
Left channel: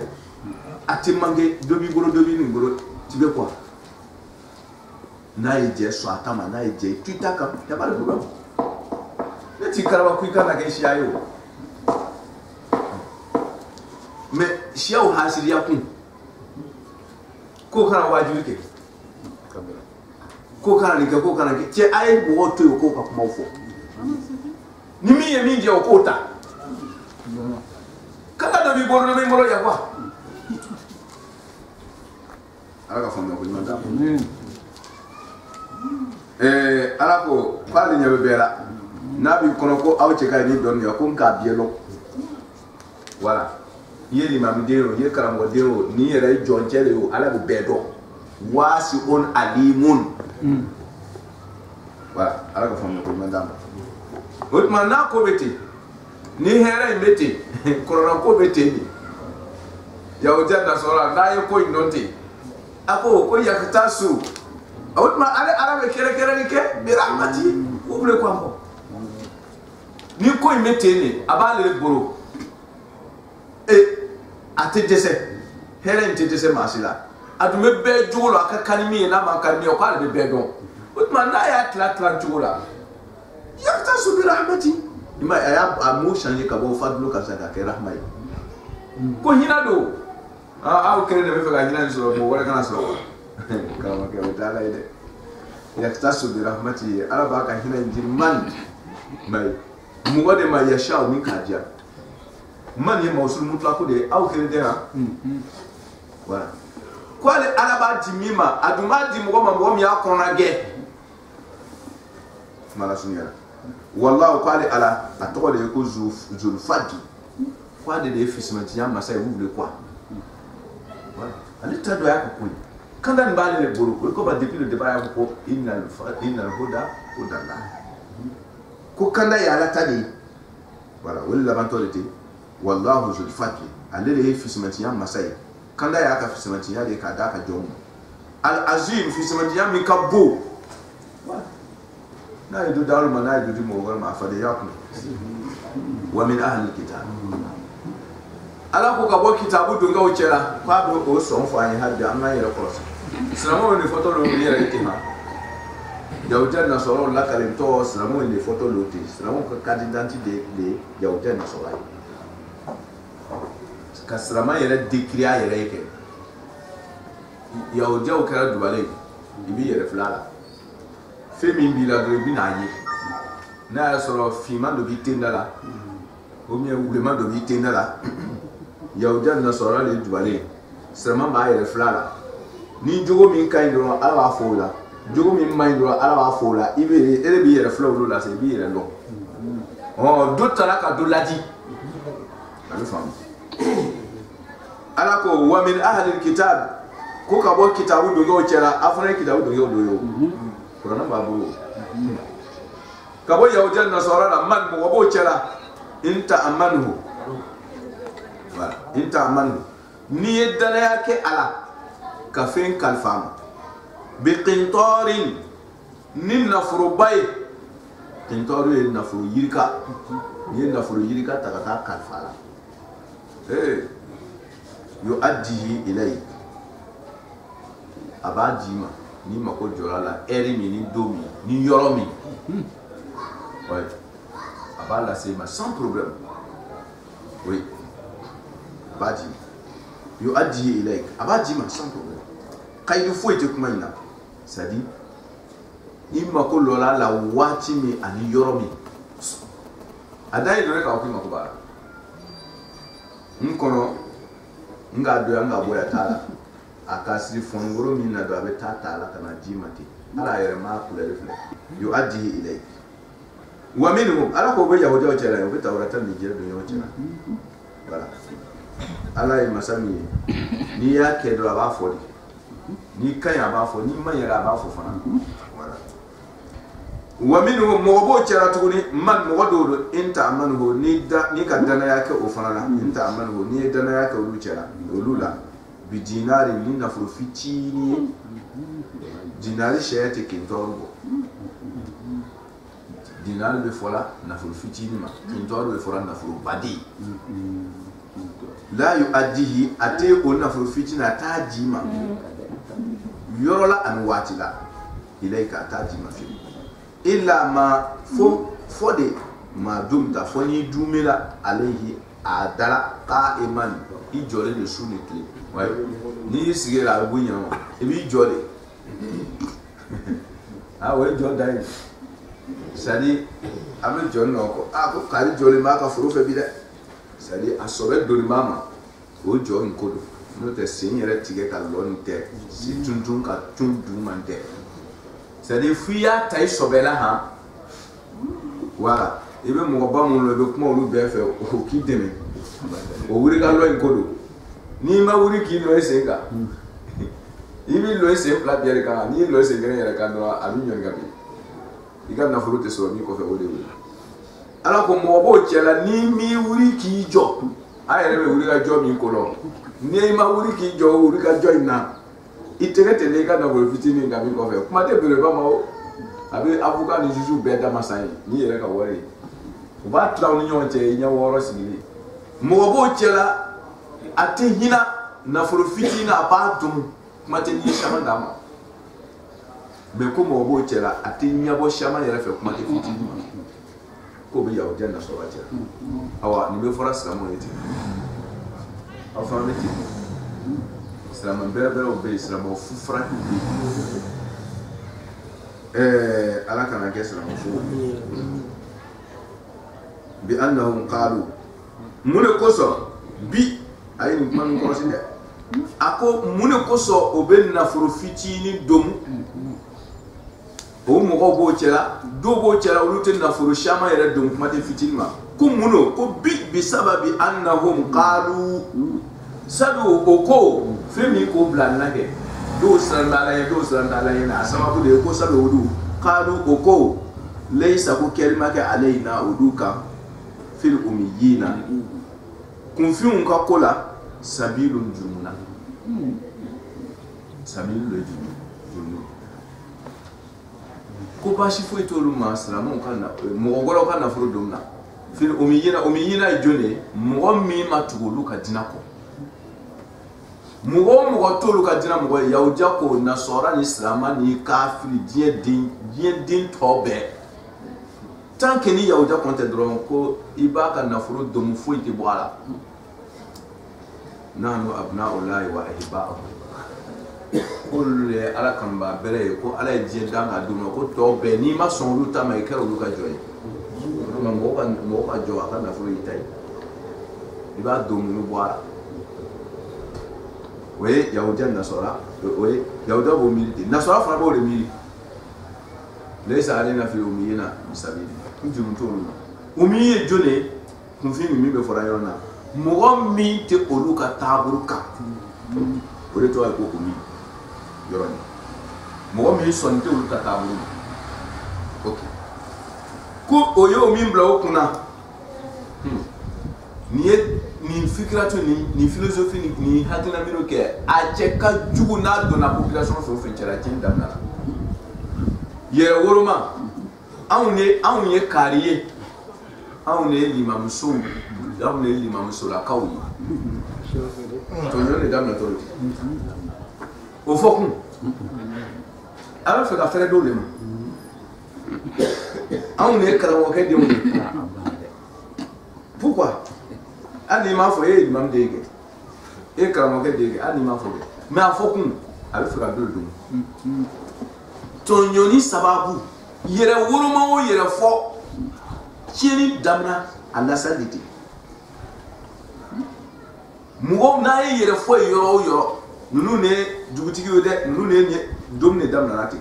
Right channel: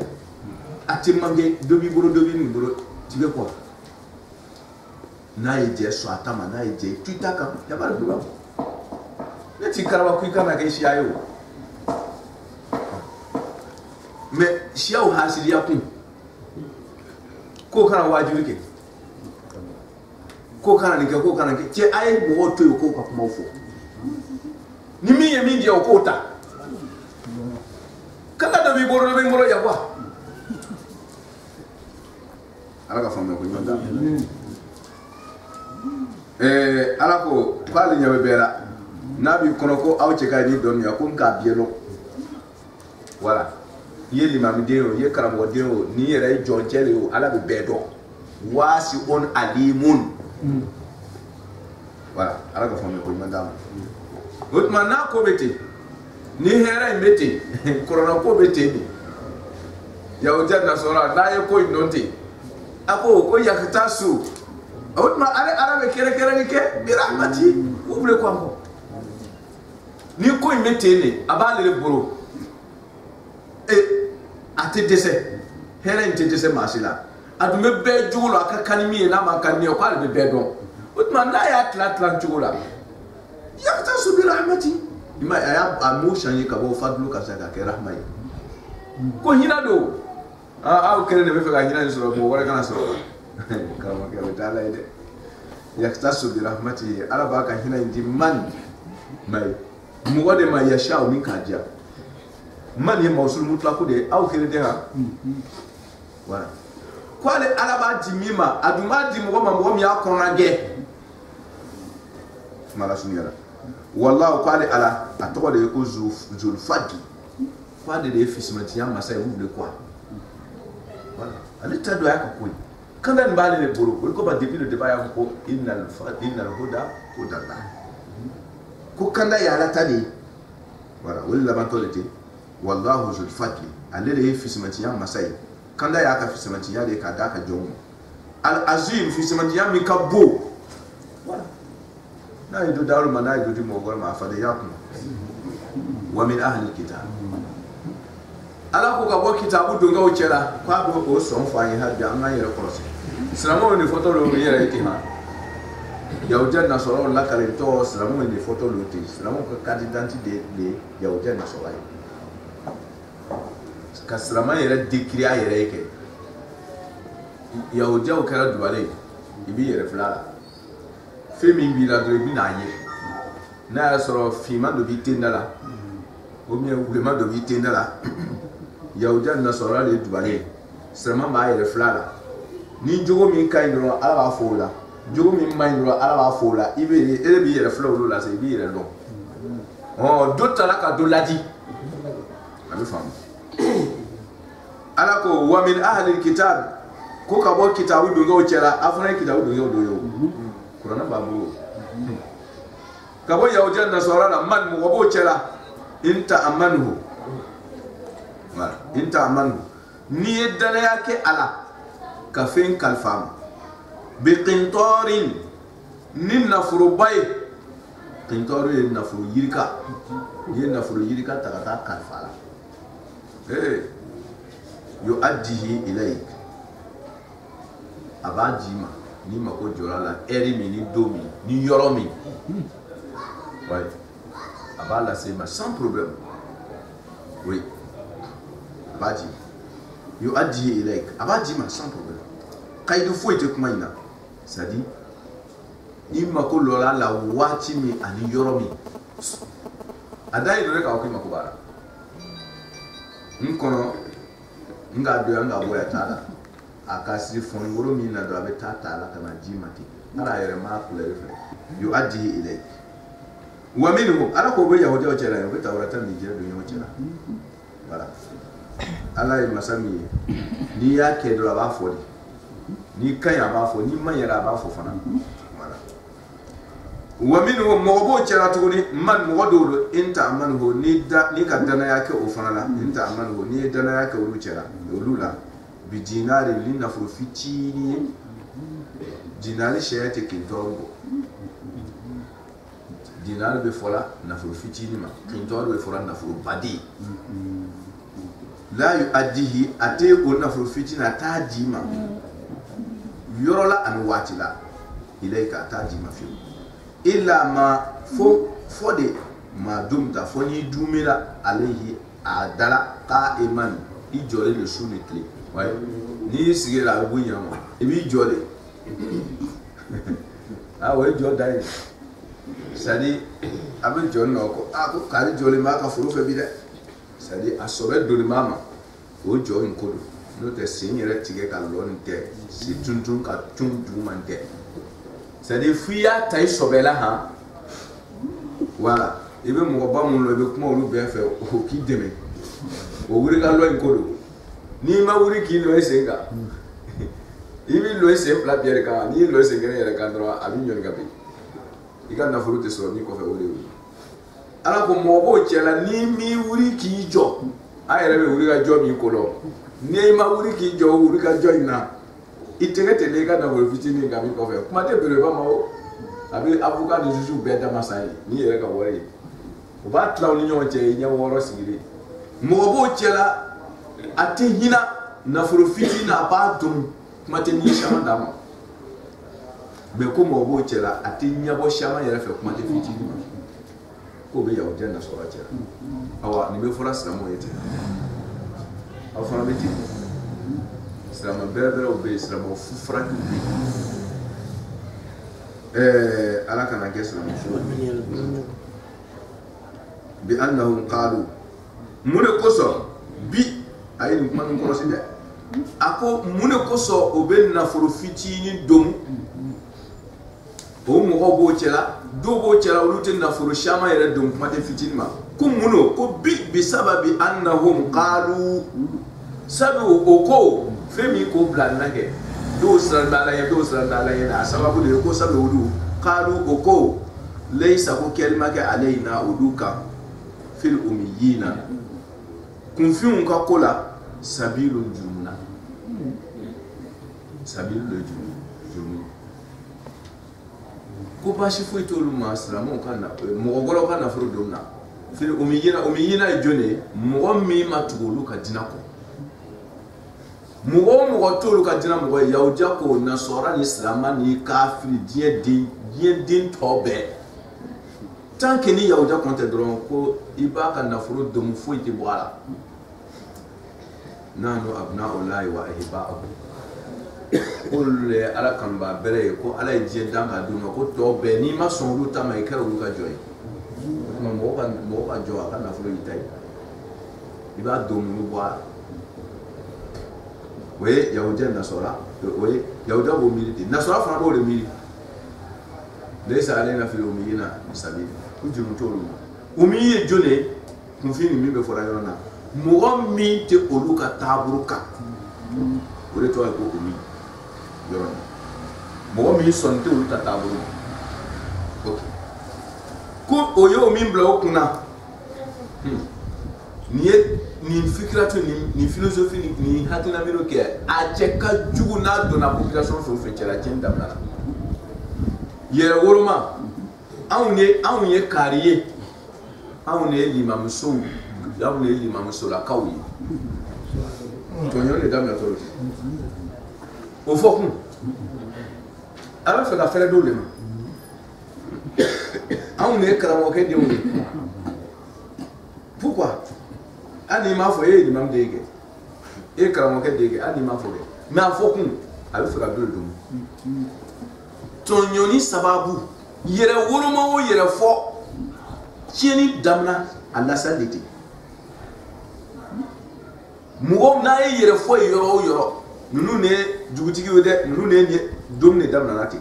ati mange dobi ni boro tibe kwa na ije so atama na ije twitter ka ya ba do ne ti karaba ku kana ke shi ayo me shi au hasiri ya kun ko kana wajibi ke ko kana ni ko kana ke ce ai mo to ko ka kuma fo ni mi ye mi je ko ta kala do bi boro ya kwa ala ka famu ko ni manda ala ko pali nyabe bela nabi kono ko awce kay ni don ya ko ka bielo voilà ye limam dero ye karamo dero ni yere jonchele yo ala be bedo wasi on alimun voilà ala ko famu ko mandam hotman na ko beti ni hera imeti korona ko beti ni ya ojanna sora na ye ko inonte ako ko yaktasu hotman ala be kere ni ke bi rahmati obre ko ambo ni ko imeti ni abale boro ate dese hera inte dese masila adume be jugulo aka kanimi na makani ko ale be don hotman na ya tla jugulo yaktasu bi rahmati ima ya amu shanye ka bo fadlu ka saka ke rahmai ko hina do a kere de be fa hina ni so mo wala kana so kama ke betala ide yaktasu bi rahmati ala ba ka hina ndi man mai mu wade ma yasha min kaja man ye mausul mutlaqu de aw kere de ha voilà kwale ala ba jimima aduma di mo ma ya kona ge mala sunyala wallahu qali ala atoko de ko zul fadi kwade de fismati ya masa e wule kwa voilà alita do ya ko kanda mbali le boro ko ba depuis le débat ya ko innal huda hudallah ko kanda ya la tadi voilà wala bantolete wallahu zul fadi alele fismati ya masa e kanda ya ka fismati ya de ka da ka jomo al azim fismati ya mi kabbo voilà na yidu daru mana yidu di mo ma fa de yakun wa min ahli alkitab ala ko ka bo kitabu dunga o chera kwa bo ko so fo anyi hadde amma yere ko so islamu ni foto lo yere itima yawjan na soro la kale to islamu ni foto lo ti islamu ka carte d'identité de yawjan na soro ka islamu yere dikriya yere ke yawjan ka dubale ibi yere flala femi bila do bina ye na soro fima do bitendala o mi wulema do bitendala yawjan na soro le dubale sema ba yere flala ni jogo min kay do ala ba fola jogo min may do ala ba fola ibe ele bi yere flow la se bi yere lo oh dotala ka do ladi ami fam ala ko wa min ahli alkitab ko ka bo kitabu do go chera afra kitabu do yo Kurana babu kabo yawjan nasara la man mo wabo chela inta amanu wala inta amanu ni yedala yake ala kafin kalfam bi qintarin nin nafru bay qintaru yin nafru yirka yin nafru yirka takata kalfala yuaddihi ilayk abajima ni mako jorala eri mi ni domi ni yoromi ouais abala c'est ma sans problème oui abadi yo adi ilaik abadi ma sans problème kaidu foite kuma ina sadi ni mako lola la wati mi ani yoromi adai do ka okima ko bara nkono nga do nga boya tala akasiri fongoro minna do abe tata ala kana jimati ala yere ma kula refle yu addihi ilayk wa minhum ala ko be yahudi o chala yo be tawrata ni jere do yo chala voilà ala e masami ni ya ke do aba fodi ni kan ya ba fo ni man yara ba fo fana voilà wa minhum mo chala to ni man mo do inta amanu ni da ni ka dana yake o fana la inta amanu ni dana yake o lu chala o lula bi dinari lina fitini dinari shayate kintorgo dinari be fola na fitini ma kintorgo be fola na badi la yuaddihi ate ko na fitina tajima yorola an watila ilayka tajima fi illa ma fode ma dumta foni dumila alayhi adala qa'iman ijore le sunitli ouais ni sigira bunya mo ibi jole ah ouais jo dai sadi abe jo no ko ko kari jo le ma ka furu fe bi de sadi asobe do mama o jo nkodo no te signere tige ka lon te si tuntun ka tundu man te sadi fuya tai sobela ha wala ibe mo ba mo lo be kuma olu be fe o ki deme o wuri ka lo nkodo ni ma wuri ki no esenga ibi lo ese pla biere ka ni lo ese ngere yere kan dro abi nyon gabi iga na furu te so mi ko fe o de wuri ala ko mo bo chela ni mi wuri ki jo ayere be wuri ka jo mi ko lo ni ma wuri ki jo wuri ka jo ina itege te le ka na wo fitini ngabi ko fe kuma de bere ba ma o abi avuka ni juju be da masai ni yere ka wori o ba traw ni nyon che nya woro sigiri mo bo chela ate hina na furu fitina ba dum kuma te ni shama dama be ko mo bo chela ate nya bo shama yere fe kuma te fitini ma ko be yawo janna so wacha awa ni be fora salamo yete afa beti salama bere obe salamo fu franku ala kana ke salamo fu bi annahum qalu mune koso bi ayin man ko sinde ako mune koso obe na furu fitini dom o mo go chela do bo chela ulute na furu shama yere dom kuma te fitini ma ko muno ko bi sababi annahum qalu sabu oko femi ko blanna ke do sandala ye na sababu de ko sabu odu qalu oko laysa ko kelma ke alaina uduka fil umiyina kun fiun ka kola sabilun jurmuna sabilul jurmuna ko bashi foi tolu masramu kana mo golo kana furu domna fil umiyina jone mo mi matugulu ka dinako mo tolu ka dina mo yawja ko nasora ni islama ni kafiri din tobe tant que ni yawja konte dron ko ibaka na furu dom foi te boala nanu abna'ullahi wa ahiba'uhu kulle ala kan ba bere ko ala je danga duma ko to be ni ma son lu ta mai karo lu ka joy ma mo ka jo aka na furu itai iba do mu boara we yahudan nasara we yahuda bo militi nasara fa bo le mili laysa alaina fil umiyina bisabil kujum tolu umiye jone kun fi mi be fora yona mo mi te oluka taburuka o de to ay ko umi yoroni mo mi son te oluka tabu ok ko oyo mi mbla okuna ni fikratu ni philosophie ni hakina miro ke a cheka jugu na do na population fo fenchera chen damna yere woroma awunye kariye awunye limam so la kawi to nyone damna toroti o fokun ala fa ka fere do le ma awunye karamo ke dimu pourquoi ani ma fo e limam dege e karamo ke dege ani ma fo mais a fokun ala fa ka do dum to nyoni sababu yere woroma o yere fo cheni damna ala sanditi mugo na yere fo yoro nunu ne dugutigi wede nunu ne domne damna nati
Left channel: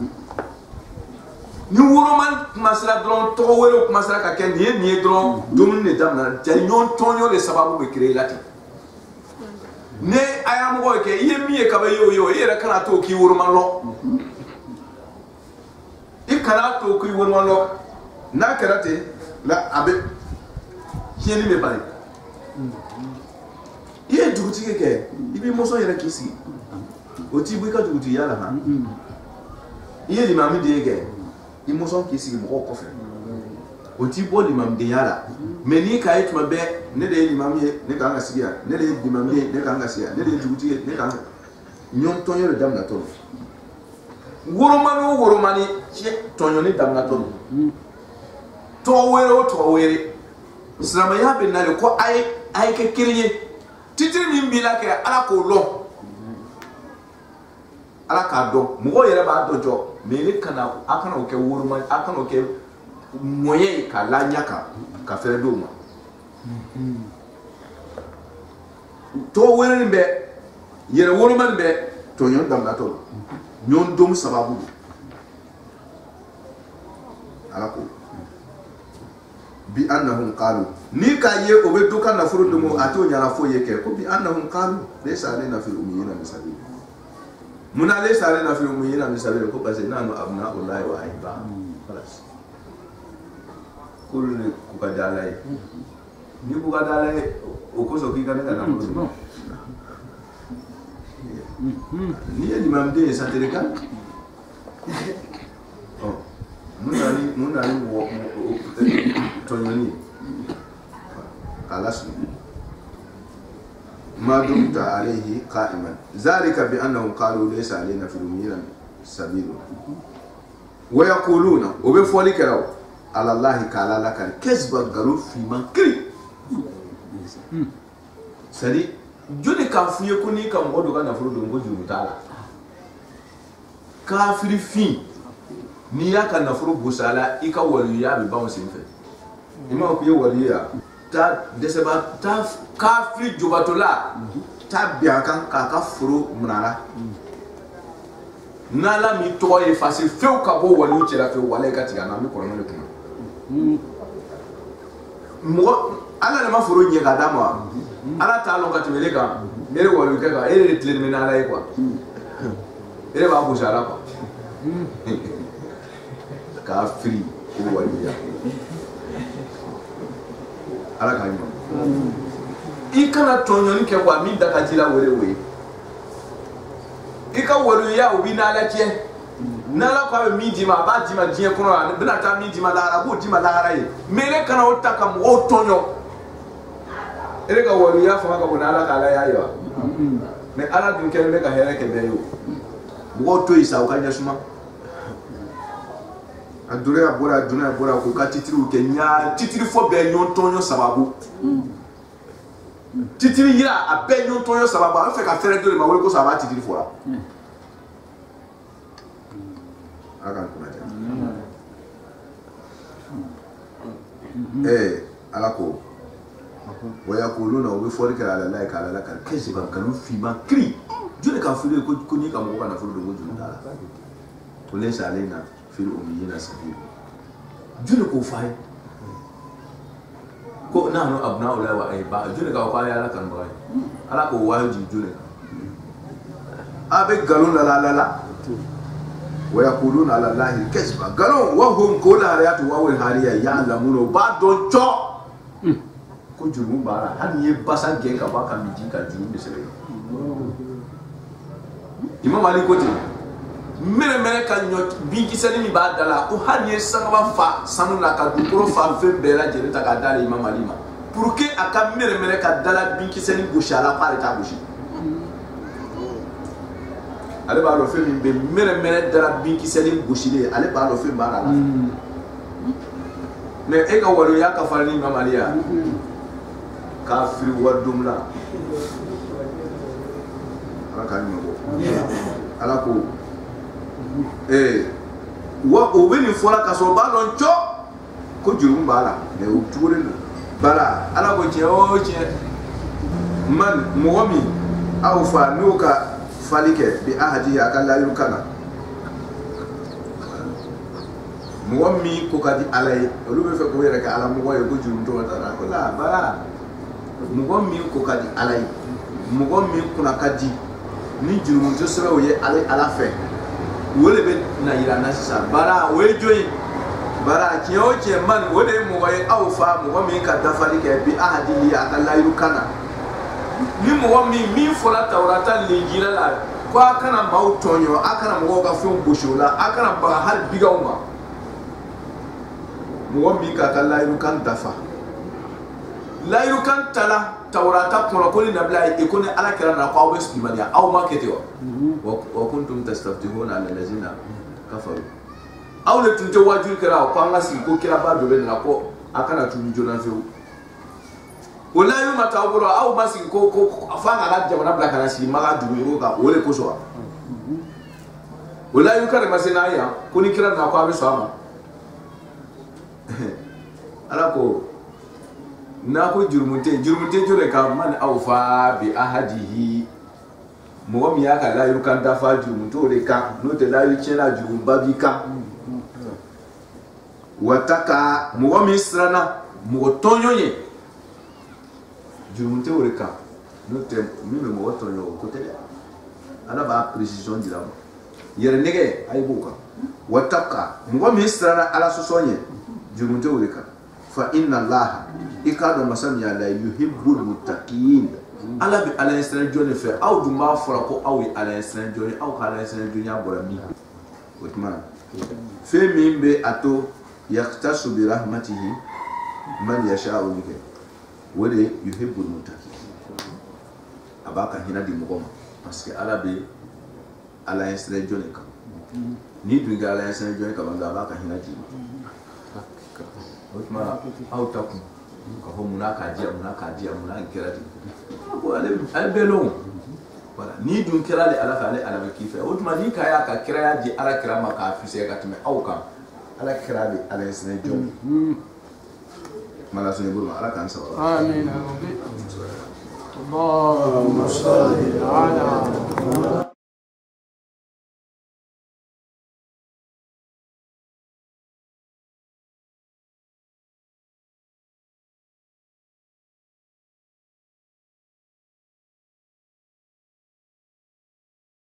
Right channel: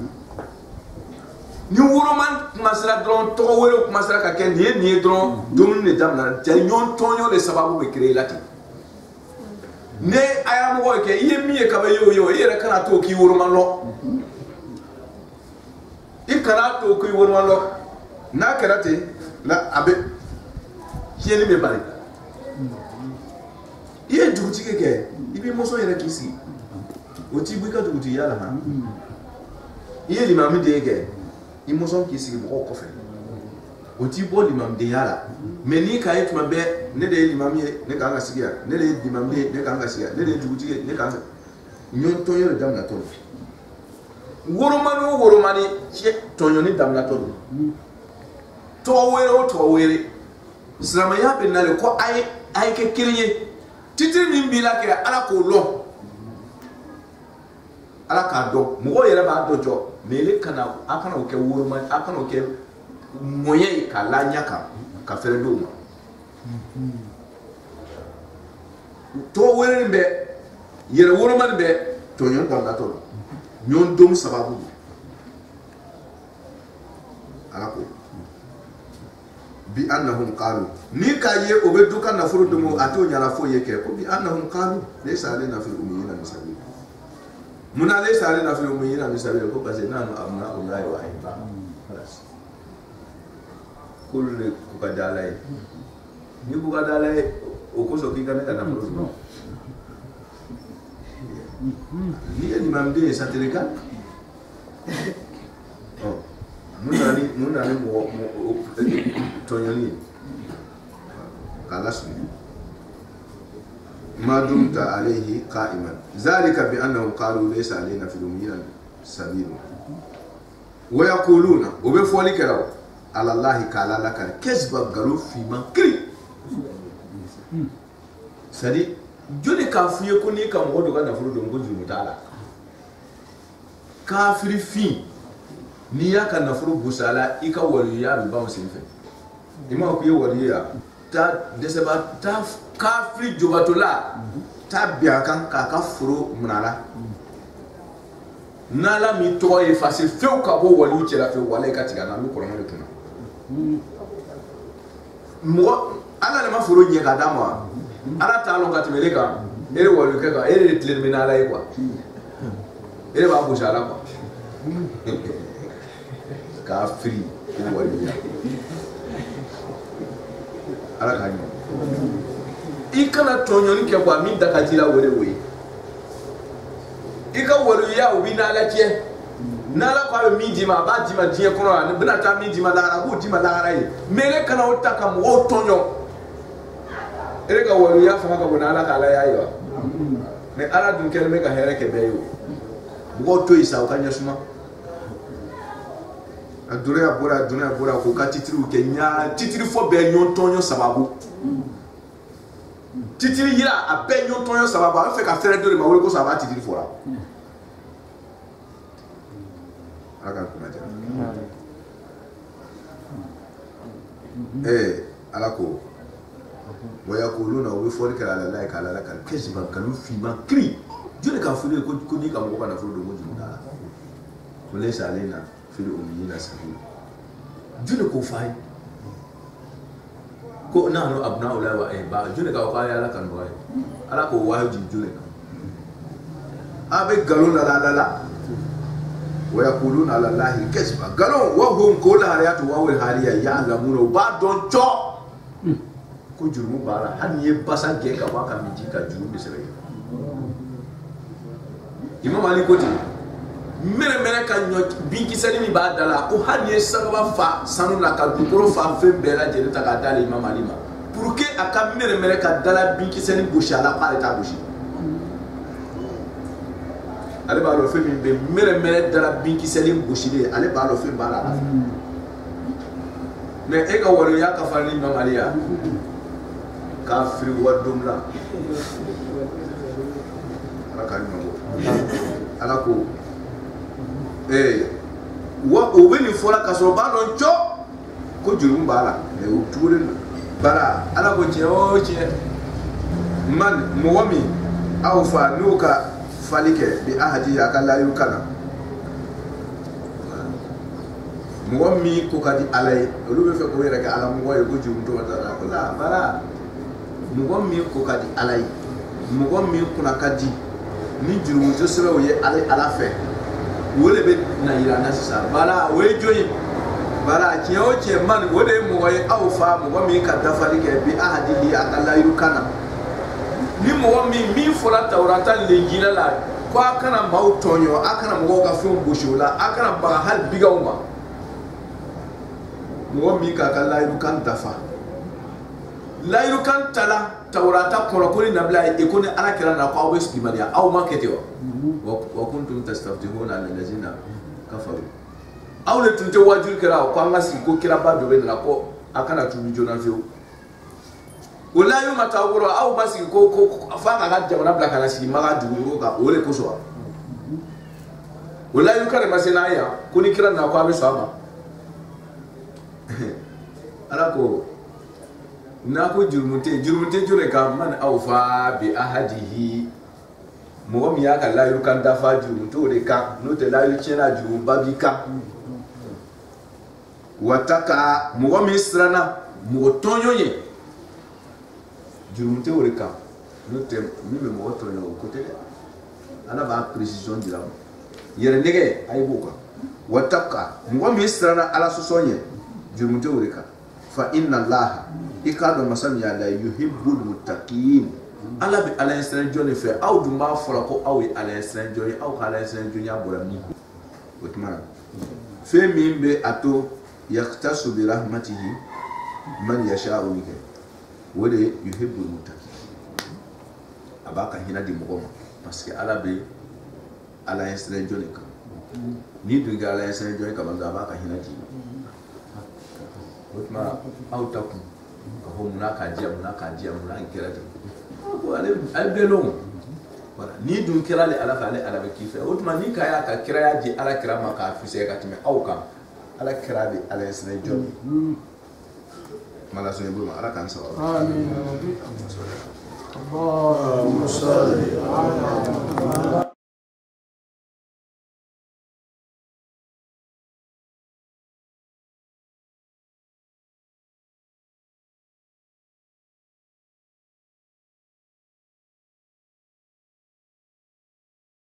ni woroma masra dron to wero masra ka ken ni dron domne damna janyon tonyo le sababu be créer lati ne ayam go ke yemi e ka ba yo yere kana to ki woroma lo ikana to ki woroma lo na karate la abe kieni me bari iye dugutigi ke ibi moso yere kisi oti buika duguti yala ha iye limami de ke imoso kisi mo ko fe oti bo limam de yala meni ka etuma be ne de limami ne ka nga sigia ne de limam de ne ka nga sigia ne de dugutigi ne ka nyon tonyo le damna to woromani che tonyo ni damna to were islama ya be nale ko ay ke kiriye titiri min bila ke ala ko lo ala k'a dɔn mɔgɔw yɛrɛ b'a dɔn jɔ mais ele kana a kana o kɛ woroma a kana o kɛ moyen ye k'a la ɲa kan ka fɛrɛ d'o ma tɔgɔ wɛrɛ nin bɛ yɛrɛ woroma nin bɛ tɔɲɔn daminatɔ la ɲɔn dom sababu don ala ko bi annahum qalu ni ka ye o be do ka nafolo domo ato nyara fo ye ke ko bi annahum qalu laysa alaina fil ummiyina misabil muna laysa alaina fil ummiyina misabil ko parce nanu abna wallahi wa aiba خلاص kullu ku ka dalay ni bu ka dalay o ko so ki ka na nafolo domo ni imam de sa tereka oh munani mo tonyoni kalasni ma dumta alayhi qa'iman zalika bi annahum qalu laysa alayna fil ummiyina sabil wa yaquluna wa bi folikaraw ala allahi kala laka kasba galu fi man kri sadi joni ka fuye ko ni kam odo kana furu don ko juru tala kafiri fi ni ya ka nafuru busala ika waliya bi bawo sinfe ima ku ye waliya ta deseba ta kafiri jubatola ta biya kan ka furu munala nala mi to e fase few ka bo waliu cira fe wala ka tiga na mi korona le kuma mo ala le ma furu nye ka dama ala ta lo ka timele ka ere waliu ka ere terminala e quoi ere ba busala quoi kafiri ko waliya ala ka nyɔ ikana tɔɲɔni kɛ kwa min da ka jira wɛrɛ we ika waliya o bi n'ala cɛ n'ala ko a bɛ min d'i ma a b'a d'i ma diɲɛ kɔnɔ la ne bɛna taa min d'i ma lahara a b'o d'i ma lahara ye mais ne kana o ta ka mɔgɔw tɔɲɔ e ka waliya fanga ka bon n'ala k'ala y'a ye wa mais ala dun kɛlen bɛ ka hɛrɛ kɛ bɛɛ ye o mɔgɔw to yen sa o ka ɲɛ suma a dunya bora ko ka titiri ke nya titiri fo be nyon tonyo sababu titiri yira a be nyon tonyo sababu a fe ka fere do le ma wole ko sababa titiri fo la akan kuna ja ala ko wa yaquluna wa bi forika ala la ka ala la ka kesiba kanu fi ma kri jone ka fure ko ni ka mo ka na furu do mo junu dala to le salena fil ummiyina sabil jule ko fay ko nanu abna ula wa aiba jule ka ko ya la kan bay ala ko waji jule abe galon la wa yaquluna ala allahi kasba galon wa hum qul hayatu wa wal hariya ya'lamuna ba don cho ko juru bara han ye basa gen ka ba ka miji ka juru de sele imam ali ko ti mere ka nyɔ binkisɛni min b'a da la ko hali ye sagaba fa sanu na ka dugukolo fa fɛn bɛɛ lajɛlen ta k'a d'ale Imam Ali ma pour que a ka mere ka dala binkisɛni gosi a la k'ale t'a gosi ale b'a dɔn fɛn min bɛ mere dala binkisɛni gosilen ale b'a dɔn fɛn b'a la mais e ka waliya ka farin ni Imam Ali ya k'a firi wari dom la ala k'a ɲuman bɔ ala ko wa o be ni fola ka so ba don cho ko juru ba la mais o tuure no bala ala ko je o je man mo mi aw fa nuka falike bi ahadi akalla yukana mo mi ko kadi alay lu be fe ko yere ka ala mo waye ko juru to wata ko la bala mo mi ko kadi alay mo mi kuna kadi ni juru mo to sebe o ye alay ala fe wole be na yira na sisa bara we joyi bara kiyo che man wole mo way aw fa mo mi ka dafali ke bi ahadi li akalla yukana ni mo mi fola tawrata le jila la ko akana maw tonyo akana mo ga fion boshola akana ba hal biga umba mo mi ka kala yukan dafa la yukan tala tawrata kono ko ni nabla e ko ni ala kira na ko aw skimania aw market wa kuntum tastaftihuna ala allazina kafaru aw le tunte wajur kira ko anga sin ko kira ba do be na ko akana tu jona feu wala yu matawuro aw basin ko fanga ga jamana bla kana si maga dugo ka wole ko so wala yu kare masina ya ko ni kira na ko abe so ama ala ko na ko jurmunte jure ka man awfa bi ahadihi mo mi ya ka la yu kan dafa jurmunto de ka no te la yu chena jurum babi ka wataka mo mi srana mo tonyoye jurmunte ore ka no te mi me mo tonyo ko te ala ba precision dira yere nege ay buka wataka mo mi srana ala so sonye jurmunte ore ka fa inna allaha ikado masam ya la yuhibbul muttaqin ala bi ala instant jone fe aw du ma fora ko aw ala instant jone aw ala instant jone abora mi otman fe mimbe ato yaktasu bi rahmatihi man yasha'u bika wode yuhibbul muttaqin abaka hina di mugoma parce que ala be ala instant jone ka ni du ga ala instant jone ka banga abaka hina di otman aw takum ka ho munaka dia muna kira di ko ale belon wala ni dun kira le ala fa ala be kife otuma ni kaya ka kira ya di ala kira maka fise ka time auka ala kira le ala sene jom mala so yebul ala kan sa amin Allahumma salli ala